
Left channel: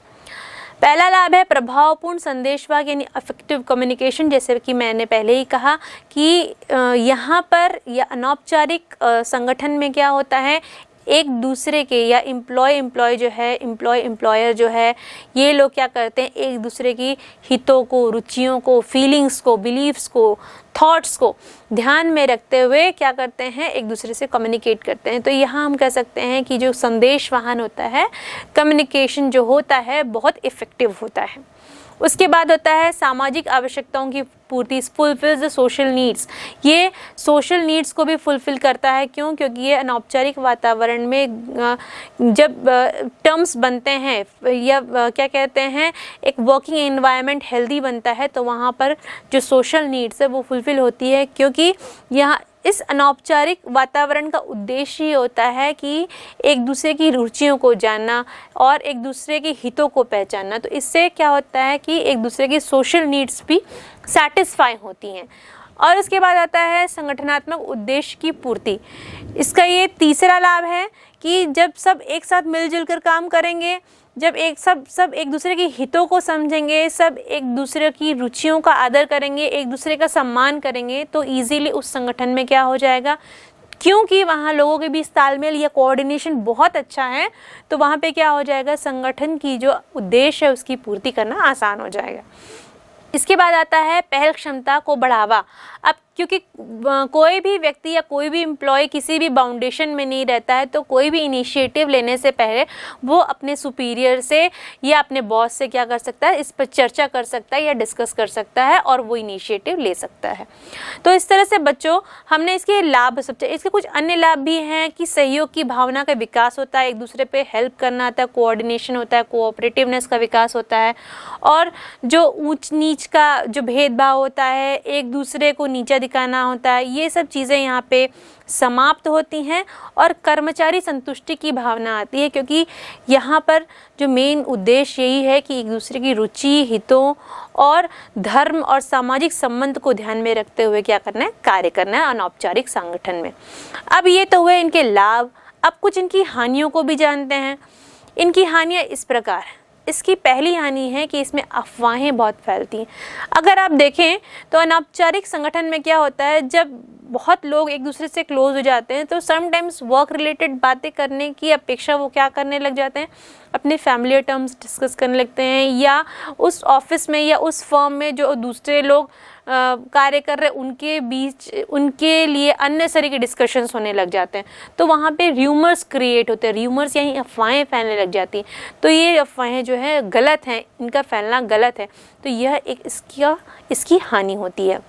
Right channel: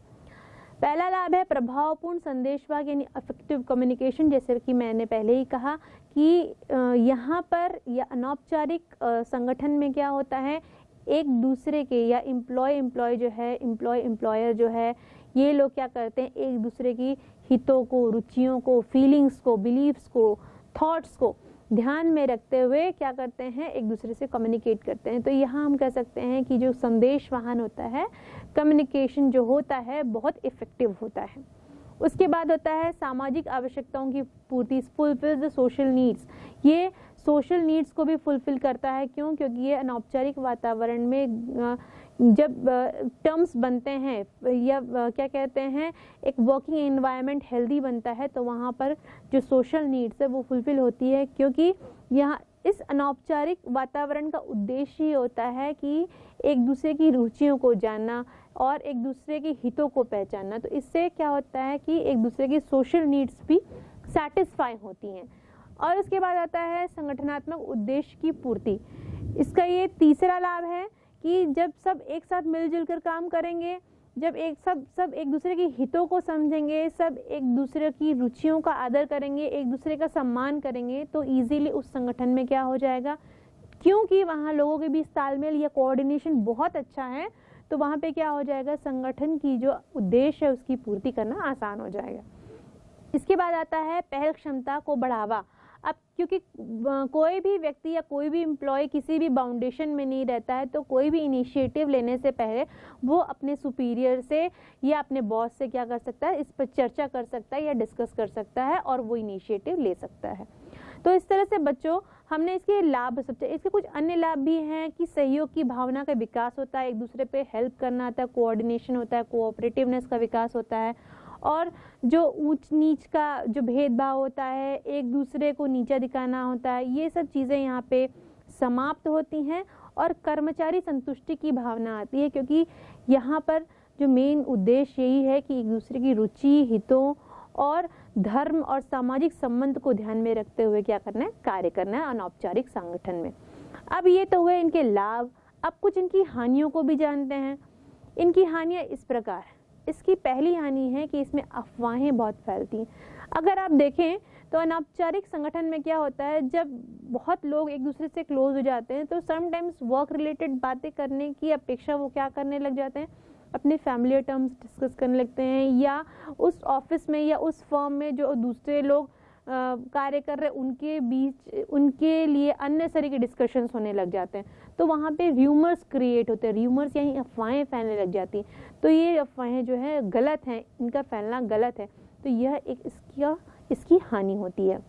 पहला लाभ है प्रभावपूर्ण संदेशवाहक यानी अफेक्टिव कम्युनिकेशन। जैसे कि मैंने पहले ही कहा कि यहाँ पर या अनौपचारिक संगठन में क्या होता है, एक दूसरे के या एम्प्लॉय जो है, एम्प्लॉयर जो है, ये लोग क्या करते हैं, एक दूसरे की हितों को, रुचियों को, फीलिंग्स को, बिलीव्स को, थॉट्स को ध्यान में रखते हुए क्या करते हैं, एक दूसरे से कम्युनिकेट करते हैं। तो यहाँ हम कह सकते हैं कि जो संदेश वाहन होता है, कम्युनिकेशन जो होता है बहुत इफ़ेक्टिव होता है। उसके बाद होता है सामाजिक आवश्यकताओं की पूर्ति, फुलफिल्स द सोशल नीड्स। ये सोशल नीड्स को भी फुलफिल करता है। क्यों? क्योंकि ये अनौपचारिक वातावरण में जब टर्म्स बनते हैं या क्या कहते हैं, एक वर्किंग एनवायरनमेंट हेल्दी बनता है, तो वहाँ पर जो सोशल नीड्स है वो फुलफिल होती है। क्योंकि यहाँ इस अनौपचारिक वातावरण का उद्देश्य ही होता है कि एक दूसरे की रुचियों को जानना और एक दूसरे के हितों को पहचानना। तो इससे क्या होता है कि एक दूसरे की सोशल नीड्स भी सैटिस्फाई होती हैं। और उसके बाद आता है संगठनात्मक उद्देश्य की पूर्ति। इसका ये तीसरा लाभ है कि जब सब एक साथ मिलजुल कर काम करेंगे, जब सब एक दूसरे के हितों को समझेंगे, सब एक दूसरे की रुचियों का आदर करेंगे, एक दूसरे का सम्मान करेंगे, तो इजीली उस संगठन में क्या हो जाएगा, क्योंकि वहाँ लोगों के बीच तालमेल या कोऑर्डिनेशन बहुत अच्छा है, तो वहाँ पे क्या हो जाएगा, संगठन की जो उद्देश्य है उसकी पूर्ति करना आसान हो जाएगा। इसके बाद आता है पहल क्षमता को बढ़ावा। अब क्योंकि कोई भी व्यक्ति या कोई भी एम्प्लॉय किसी भी बाउंडेशन में नहीं रहता है, तो कोई भी इनिशिएटिव लेने से पहले वो अपने सुपीरियर से या अपने बॉस से क्या कर सकता है, इस पर चर्चा कर सकता है या डिस्कस कर सकता है और वो इनिशिएटिव ले सकता है। तो इस तरह से बच्चों हमने इसके लाभ समझे। इसके कुछ अन्य लाभ भी हैं कि सहयोग की भावना का विकास होता है, एक दूसरे पे हेल्प करना आता है, कोऑर्डिनेशन होता है, कोऑपरेटिवनेस का विकास होता है, और जो ऊंच नीच का जो भेदभाव होता है, एक दूसरे को नीचा दिखाना होता है, ये सब चीज़ें यहाँ पे समाप्त होती हैं और कर्मचारी संतुष्टि की भावना आती है, क्योंकि यहाँ पर जो मेन उद्देश्य यही है कि एक दूसरे की रुचि, हितों और धर्म और सामाजिक संबंध को ध्यान में रखते हुए क्या करना है, कार्य करना है अनौपचारिक संगठन में। अब ये तो हुए इनके लाभ, अब कुछ इनकी हानियों को भी जानते हैं। इनकी हानियाँ इस प्रकार हैं। इसकी पहली हानि है कि इसमें अफवाहें बहुत फैलती हैं। अगर आप देखें तो अनौपचारिक संगठन में क्या होता है, जब बहुत लोग एक दूसरे से क्लोज हो जाते हैं तो समटाइम्स वर्क रिलेटेड बातें करने की अपेक्षा वो क्या करने लग जाते हैं, अपने फैमिली टर्म्स डिस्कस करने लगते हैं, या उस ऑफिस में या उस फर्म में जो दूसरे लोग कार्य कर रहे उनके बीच उनके लिए अननेसेसरी के डिस्कशंस होने लग जाते हैं। तो वहाँ पे र्यूमर्स क्रिएट होते हैं, र्यूमर्स यानी अफवाहें फैलने लग जाती हैं। तो ये अफवाहें जो है गलत हैं, इनका फैलना गलत है, तो यह एक इसकी हानि होती है।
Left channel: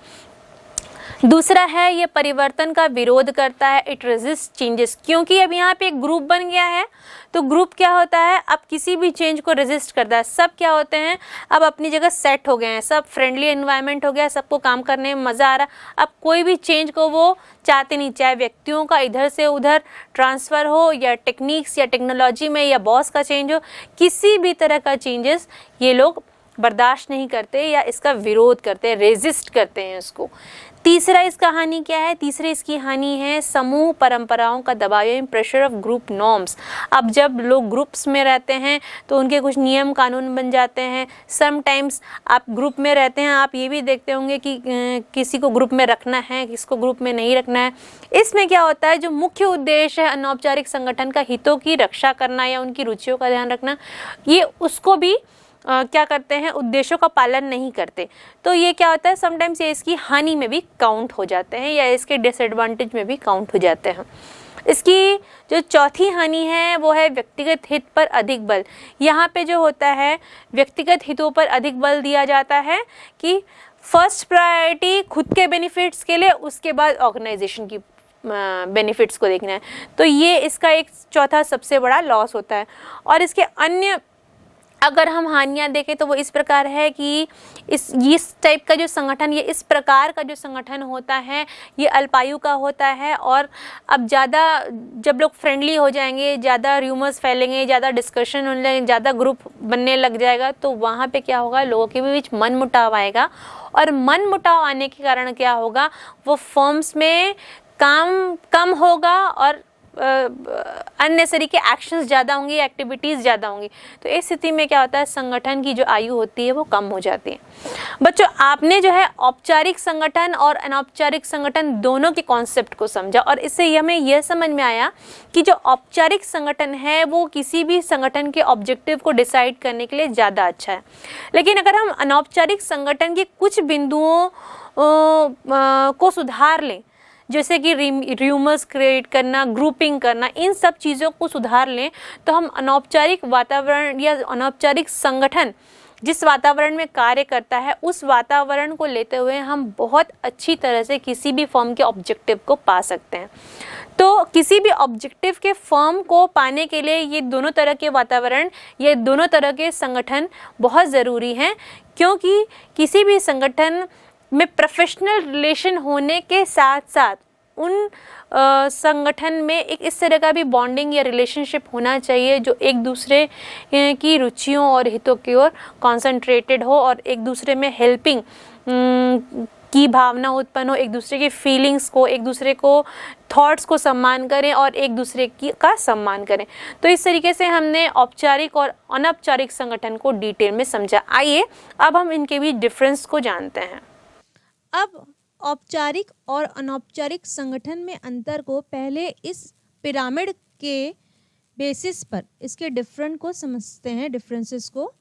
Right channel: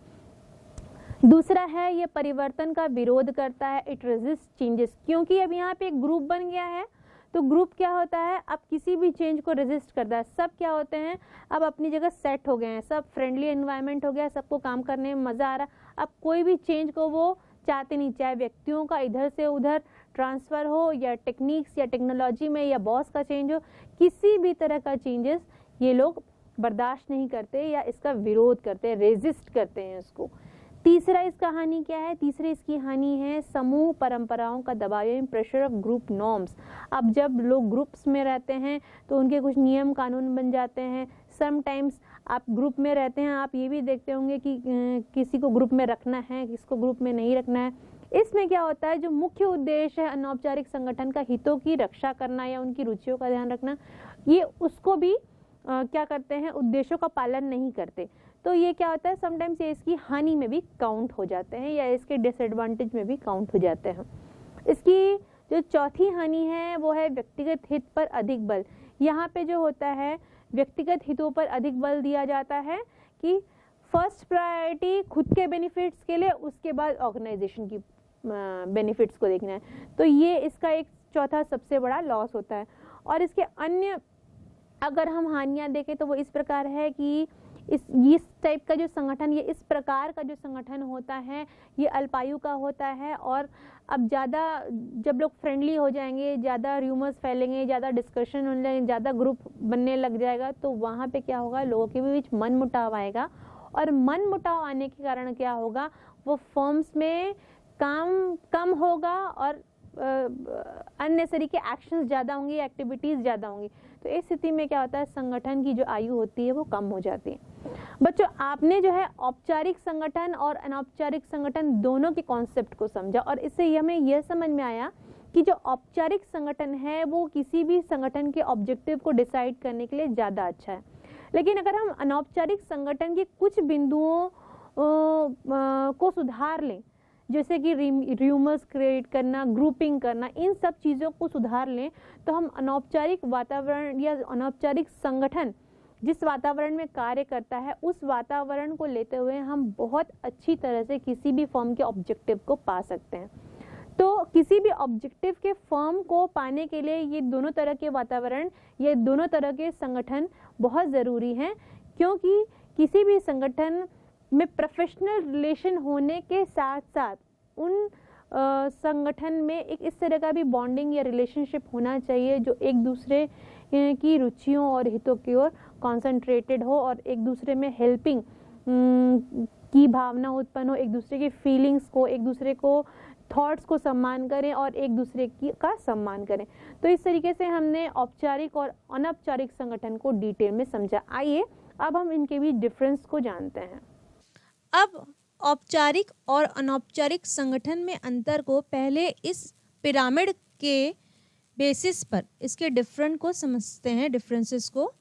दूसरा है ये परिवर्तन का विरोध करता है, इट रेजिस्ट चेंजेस, क्योंकि अब यहाँ पे एक ग्रुप बन गया है तो ग्रुप क्या होता है, अब किसी भी चेंज को रेजिस्ट करता है। सब क्या होते हैं, अब अपनी जगह सेट हो गए हैं, सब फ्रेंडली एनवायरनमेंट हो गया, सबको काम करने में मज़ा आ रहा है। अब कोई भी चेंज को वो चाहते नहीं, चाहे व्यक्तियों का इधर से उधर ट्रांसफ़र हो या टेक्निक्स या टेक्नोलॉजी में या बॉस का चेंज हो, किसी भी तरह का चेंजेस ये लोग बर्दाश्त नहीं करते या इसका विरोध करते हैं, रेजिस्ट करते हैं इसको। तीसरा इसका हानि क्या है, तीसरी इसकी हानि है समूह परंपराओं का दबाव, प्रेशर ऑफ ग्रुप नॉर्म्स। अब जब लोग ग्रुप्स में रहते हैं तो उनके कुछ नियम कानून बन जाते हैं। समटाइम्स आप ग्रुप में रहते हैं, आप ये भी देखते होंगे कि किसी को ग्रुप में रखना है, किसको ग्रुप में नहीं रखना है। इसमें क्या होता है, जो मुख्य उद्देश्य है अनौपचारिक संगठन का हितों की रक्षा करना या उनकी रुचियों का ध्यान रखना, ये उसको भी क्या करते हैं, उद्देश्यों का पालन नहीं करते। तो ये क्या होता है, समटाइम्स ये इसकी हानि में भी काउंट हो जाते हैं या इसके डिसएडवांटेज में भी काउंट हो जाते हैं। इसकी जो चौथी हानि है वो है व्यक्तिगत हित पर अधिक बल। यहाँ पे जो होता है व्यक्तिगत हितों पर अधिक बल दिया जाता है कि फर्स्ट प्रायोरिटी खुद के बेनिफिट्स के लिए, उसके बाद ऑर्गेनाइजेशन की बेनिफिट्स को देखना है। तो ये इसका एक चौथा सबसे बड़ा लॉस होता है। और इसके अन्य अगर हम हानियाँ देखें तो वो इस प्रकार है कि इस टाइप का जो संगठन, ये इस प्रकार का जो संगठन होता है ये अल्पायु का होता है। और अब ज़्यादा जब लोग फ्रेंडली हो जाएंगे, ज़्यादा र्यूमर्स फैलेंगे, ज़्यादा डिस्कशन होने लगेंगे, ज़्यादा ग्रुप बनने लग जाएगा, तो वहाँ पे क्या होगा, लोगों के बीच मन मुटाव आएगा। और मन मुटाव आने के कारण क्या होगा, वो फर्म्स में काम कम होगा और अननेसेसरी के एक्शंस ज़्यादा होंगी, एक्टिविटीज़ ज़्यादा होंगी। तो इस स्थिति में क्या होता है, संगठन की जो आयु होती है वो कम हो जाती है। बच्चों, आपने जो है औपचारिक संगठन और अनौपचारिक संगठन दोनों के कॉन्सेप्ट को समझा और इससे हमें यह समझ में आया कि जो औपचारिक संगठन है वो किसी भी संगठन के ऑब्जेक्टिव को डिसाइड करने के लिए ज़्यादा अच्छा है। लेकिन अगर हम अनौपचारिक संगठन के कुछ बिंदुओं को सुधार लें, जैसे कि र्यूमर्स क्रिएट करना, ग्रुपिंग करना, इन सब चीज़ों को सुधार लें, तो हम अनौपचारिक वातावरण या अनौपचारिक संगठन जिस वातावरण में कार्य करता है उस वातावरण को लेते हुए हम बहुत अच्छी तरह से किसी भी फर्म के ऑब्जेक्टिव को पा सकते हैं। तो किसी भी ऑब्जेक्टिव के फर्म को पाने के लिए ये दोनों तरह के वातावरण, ये दोनों तरह के संगठन बहुत ज़रूरी हैं, क्योंकि किसी भी संगठन में प्रोफेशनल रिलेशन होने के साथ साथ उन संगठन में एक इस तरह का भी बॉन्डिंग या रिलेशनशिप होना चाहिए जो एक दूसरे की रुचियों और हितों की ओर कॉन्सेंट्रेटेड हो और एक दूसरे में हेल्पिंग की भावना उत्पन्न हो, एक दूसरे की फीलिंग्स को, एक दूसरे को थॉट्स को सम्मान करें और एक दूसरे का सम्मान करें। तो इस तरीके से हमने औपचारिक और अनौपचारिक संगठन को डिटेल में समझा। आइए अब हम इनके बीच डिफरेंस को जानते हैं। अब औपचारिक और अनौपचारिक संगठन में अंतर को पहले इस पिरामिड के बेसिस पर इसके डिफरेंट को समझते हैं, डिफरेंसेस को।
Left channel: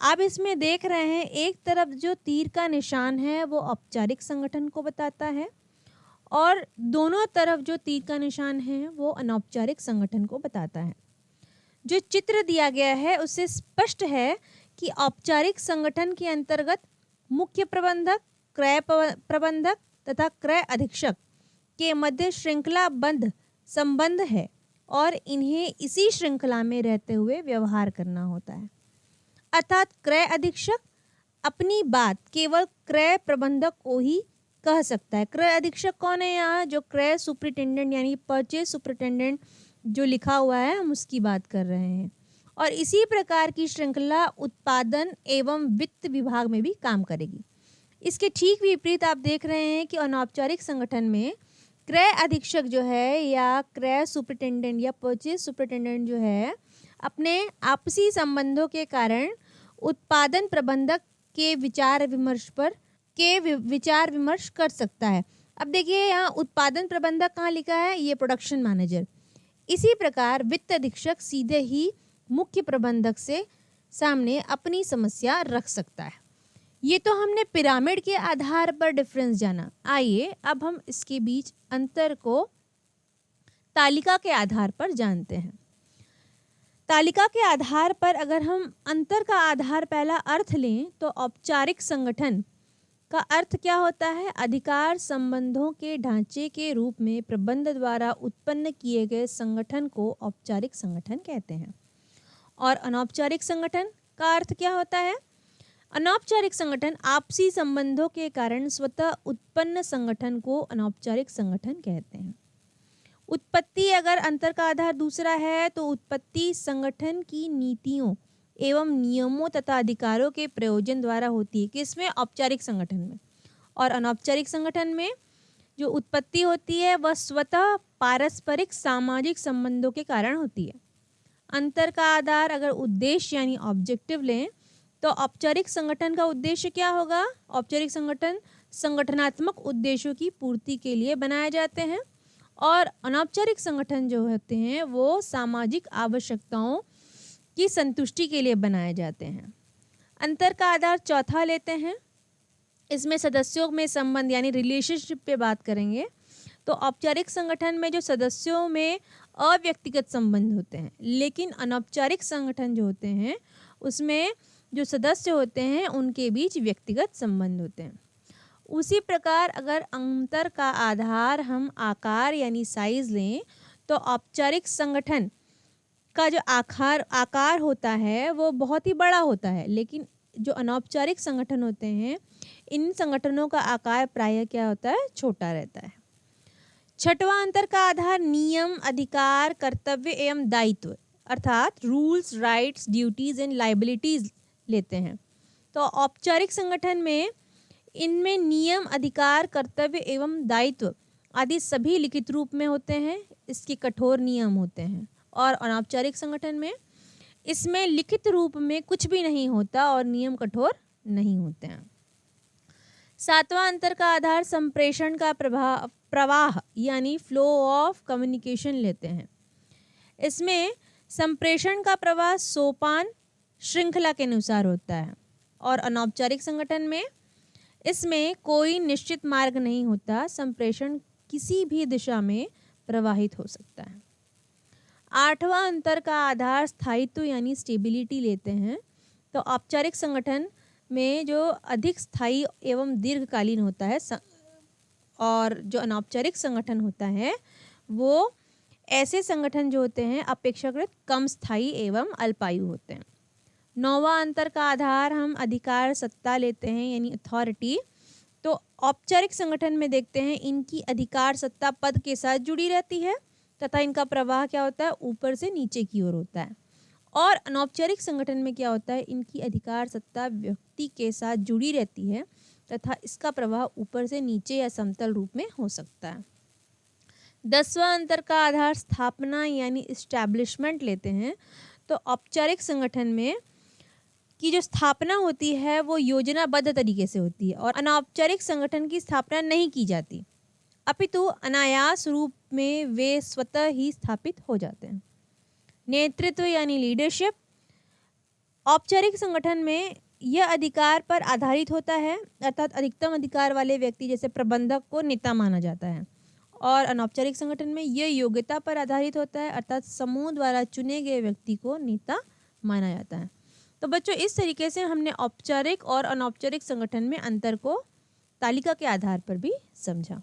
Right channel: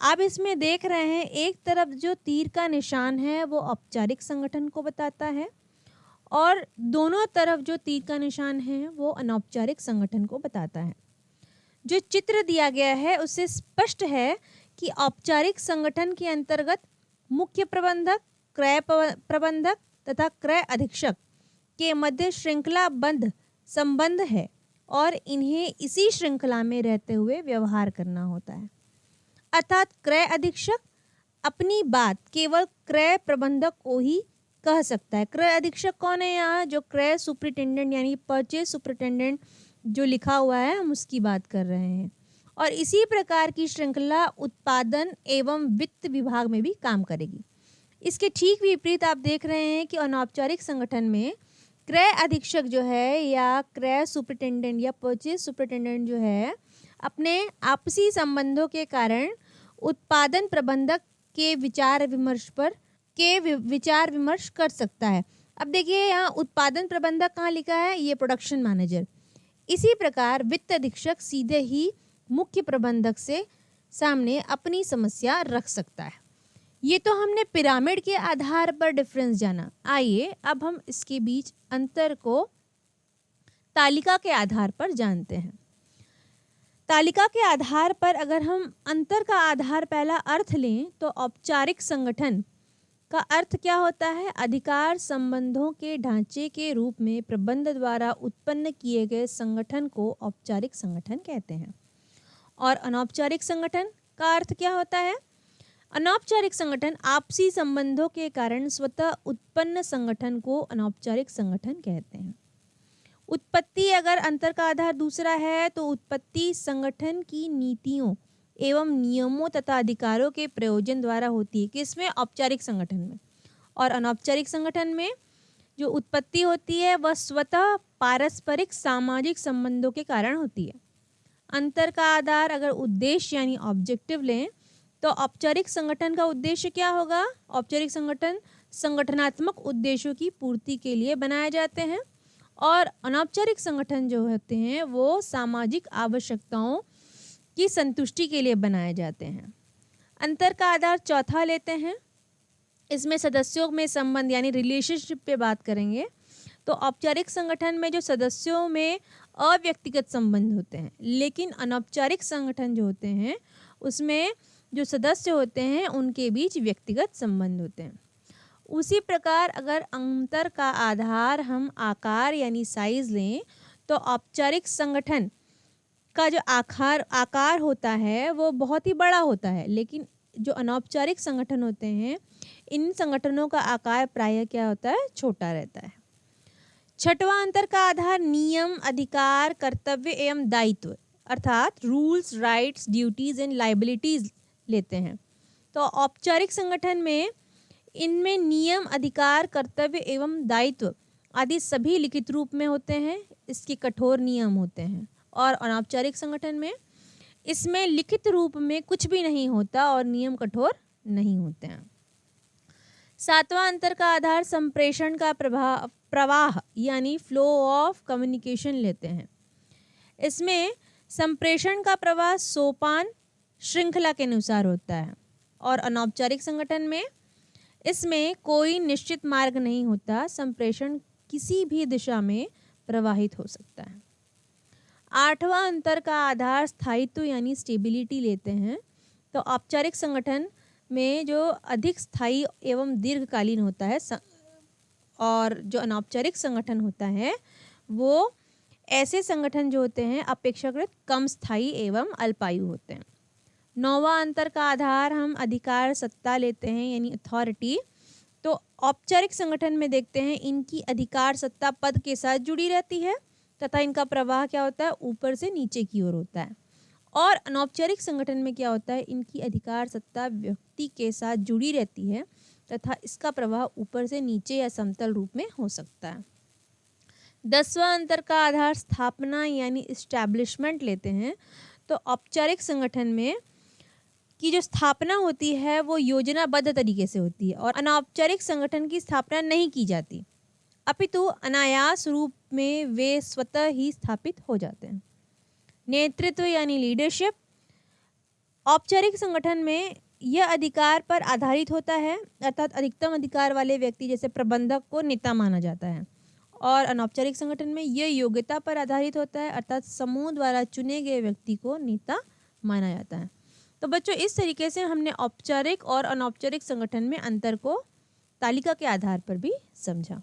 आप इसमें देख रहे हैं एक तरफ जो तीर का निशान है वो औपचारिक संगठन को बताता है और दोनों तरफ जो तीर का निशान है वो अनौपचारिक संगठन को बताता है। जो चित्र दिया गया है उससे स्पष्ट है कि औपचारिक संगठन के अंतर्गत मुख्य प्रबंधक, क्रय प्रबंधक तथा क्रय अधीक्षक के मध्य श्रृंखलाबद्ध संबंध है और इन्हें इसी श्रृंखला में रहते हुए व्यवहार करना होता है। अर्थात क्रय अधीक्षक अपनी बात केवल क्रय प्रबंधक को ही कह सकता है। क्रय अधीक्षक कौन है यहाँ? जो क्रय सुपरिटेंडेंट यानी परचेज सुपरिटेंडेंट जो लिखा हुआ है हम उसकी बात कर रहे हैं। और इसी प्रकार की श्रृंखला उत्पादन एवं वित्त विभाग में भी काम करेगी। इसके ठीक विपरीत आप देख रहे हैं कि अनौपचारिक संगठन में क्रय अधीक्षक जो है या क्रय सुपरिटेंडेंट या परचेज सुपरिटेंडेंट जो है अपने आपसी संबंधों के कारण उत्पादन प्रबंधक के विचार विमर्श कर सकता है। अब देखिए यहाँ उत्पादन प्रबंधक कहाँ लिखा है? ये प्रोडक्शन मैनेजर। इसी प्रकार वित्त अधीक्षक सीधे ही मुख्य प्रबंधक से सामने अपनी समस्या रख सकता है। ये तो हमने पिरामिड के आधार पर डिफरेंस जाना। आइए अब हम इसके बीच अंतर को तालिका के आधार पर जानते हैं। तालिका के आधार पर अगर हम अंतर का आधार पहला अर्थ लें तो औपचारिक संगठन का अर्थ क्या होता है? अधिकार संबंधों के ढांचे के रूप में प्रबंध द्वारा उत्पन्न किए गए संगठन को औपचारिक संगठन कहते हैं। और अनौपचारिक संगठन का अर्थ क्या होता है? अनौपचारिक संगठन आपसी संबंधों के कारण स्वतः उत्पन्न संगठन को अनौपचारिक संगठन कहते हैं। उत्पत्ति अगर अंतर का आधार दूसरा है तो उत्पत्ति संगठन की नीतियों एवं नियमों तथा अधिकारों के प्रयोजन द्वारा होती है। किसमें? औपचारिक संगठन में। और अनौपचारिक संगठन में जो उत्पत्ति होती है वह स्वतः पारस्परिक सामाजिक संबंधों के कारण होती है। अंतर का आधार अगर उद्देश्य यानी ऑब्जेक्टिव लें तो औपचारिक संगठन का उद्देश्य क्या होगा? औपचारिक संगठन संगठनात्मक उद्देश्यों की पूर्ति के लिए बनाए जाते हैं और अनौपचारिक संगठन जो होते हैं वो सामाजिक आवश्यकताओं की संतुष्टि के लिए बनाए जाते हैं। अंतर का आधार चौथा लेते हैं। इसमें सदस्यों में संबंध यानी रिलेशनशिप पे बात करेंगे। तो औपचारिक संगठन में जो सदस्यों में अव्यक्तिगत संबंध होते हैं, लेकिन अनौपचारिक संगठन जो होते हैं उसमें जो सदस्य होते हैं उनके बीच व्यक्तिगत संबंध होते हैं। उसी प्रकार अगर अंतर का आधार हम आकार यानी साइज लें तो औपचारिक संगठन का जो आकार होता है वो बहुत ही बड़ा होता है, लेकिन जो अनौपचारिक संगठन होते हैं इन संगठनों का आकार प्रायः क्या होता है? छोटा रहता है। छठवां अंतर का आधार नियम, अधिकार, कर्तव्य एवं दायित्व अर्थात rules, rights, duties and liabilities लेते हैं। तो औपचारिक संगठन में इनमें नियम, अधिकार, कर्तव्य एवं दायित्व आदि सभी लिखित रूप में होते हैं। इसके कठोर नियम होते हैं। और अनौपचारिक संगठन में इसमें लिखित रूप में कुछ भी नहीं होता और नियम कठोर नहीं होते हैं। सातवां अंतर का आधार संप्रेषण का प्रवाह यानी फ्लो ऑफ कम्युनिकेशन लेते हैं। इसमें संप्रेषण का प्रवाह सोपान श्रृंखला के अनुसार होता है। और अनौपचारिक संगठन में इसमें कोई निश्चित मार्ग नहीं होता, संप्रेषण किसी भी दिशा में प्रवाहित हो सकता है। आठवां अंतर का आधार स्थायित्व यानी स्टेबिलिटी लेते हैं। तो औपचारिक संगठन में जो अधिक स्थायी एवं दीर्घकालीन होता है और जो अनौपचारिक संगठन होता है वो ऐसे संगठन जो होते हैं अपेक्षाकृत कम स्थायी एवं अल्पायु होते हैं। नौवां अंतर का आधार हम अधिकार सत्ता लेते हैं यानी अथॉरिटी। तो औपचारिक संगठन में देखते हैं इनकी अधिकार सत्ता पद के साथ जुड़ी रहती है तथा इनका प्रवाह क्या होता है? ऊपर से नीचे की ओर होता है। और अनौपचारिक संगठन में क्या होता है? इनकी अधिकार सत्ता व्यक्ति के साथ जुड़ी रहती है तथा इसका प्रवाह ऊपर से नीचे या समतल रूप में हो सकता है। 10वां अंतर का आधार स्थापना यानी इस्टेब्लिशमेंट लेते हैं। तो औपचारिक संगठन में की जो स्थापना होती है वो योजनाबद्ध तरीके से होती है और अनौपचारिक संगठन की स्थापना नहीं की जाती, अपितु अनायास रूप में वे स्वतः ही स्थापित हो जाते हैं। नेतृत्व यानी लीडरशिप औपचारिक संगठन में यह अधिकार पर आधारित होता है अर्थात अधिकतम अधिकार वाले व्यक्ति जैसे प्रबंधक को नेता माना जाता है। और अनौपचारिक संगठन में यह योग्यता पर आधारित होता है अर्थात समूह द्वारा चुने गए व्यक्ति को नेता माना जाता है। तो बच्चों इस तरीके से हमने औपचारिक और अनौपचारिक संगठन में अंतर को तालिका के आधार पर भी समझा।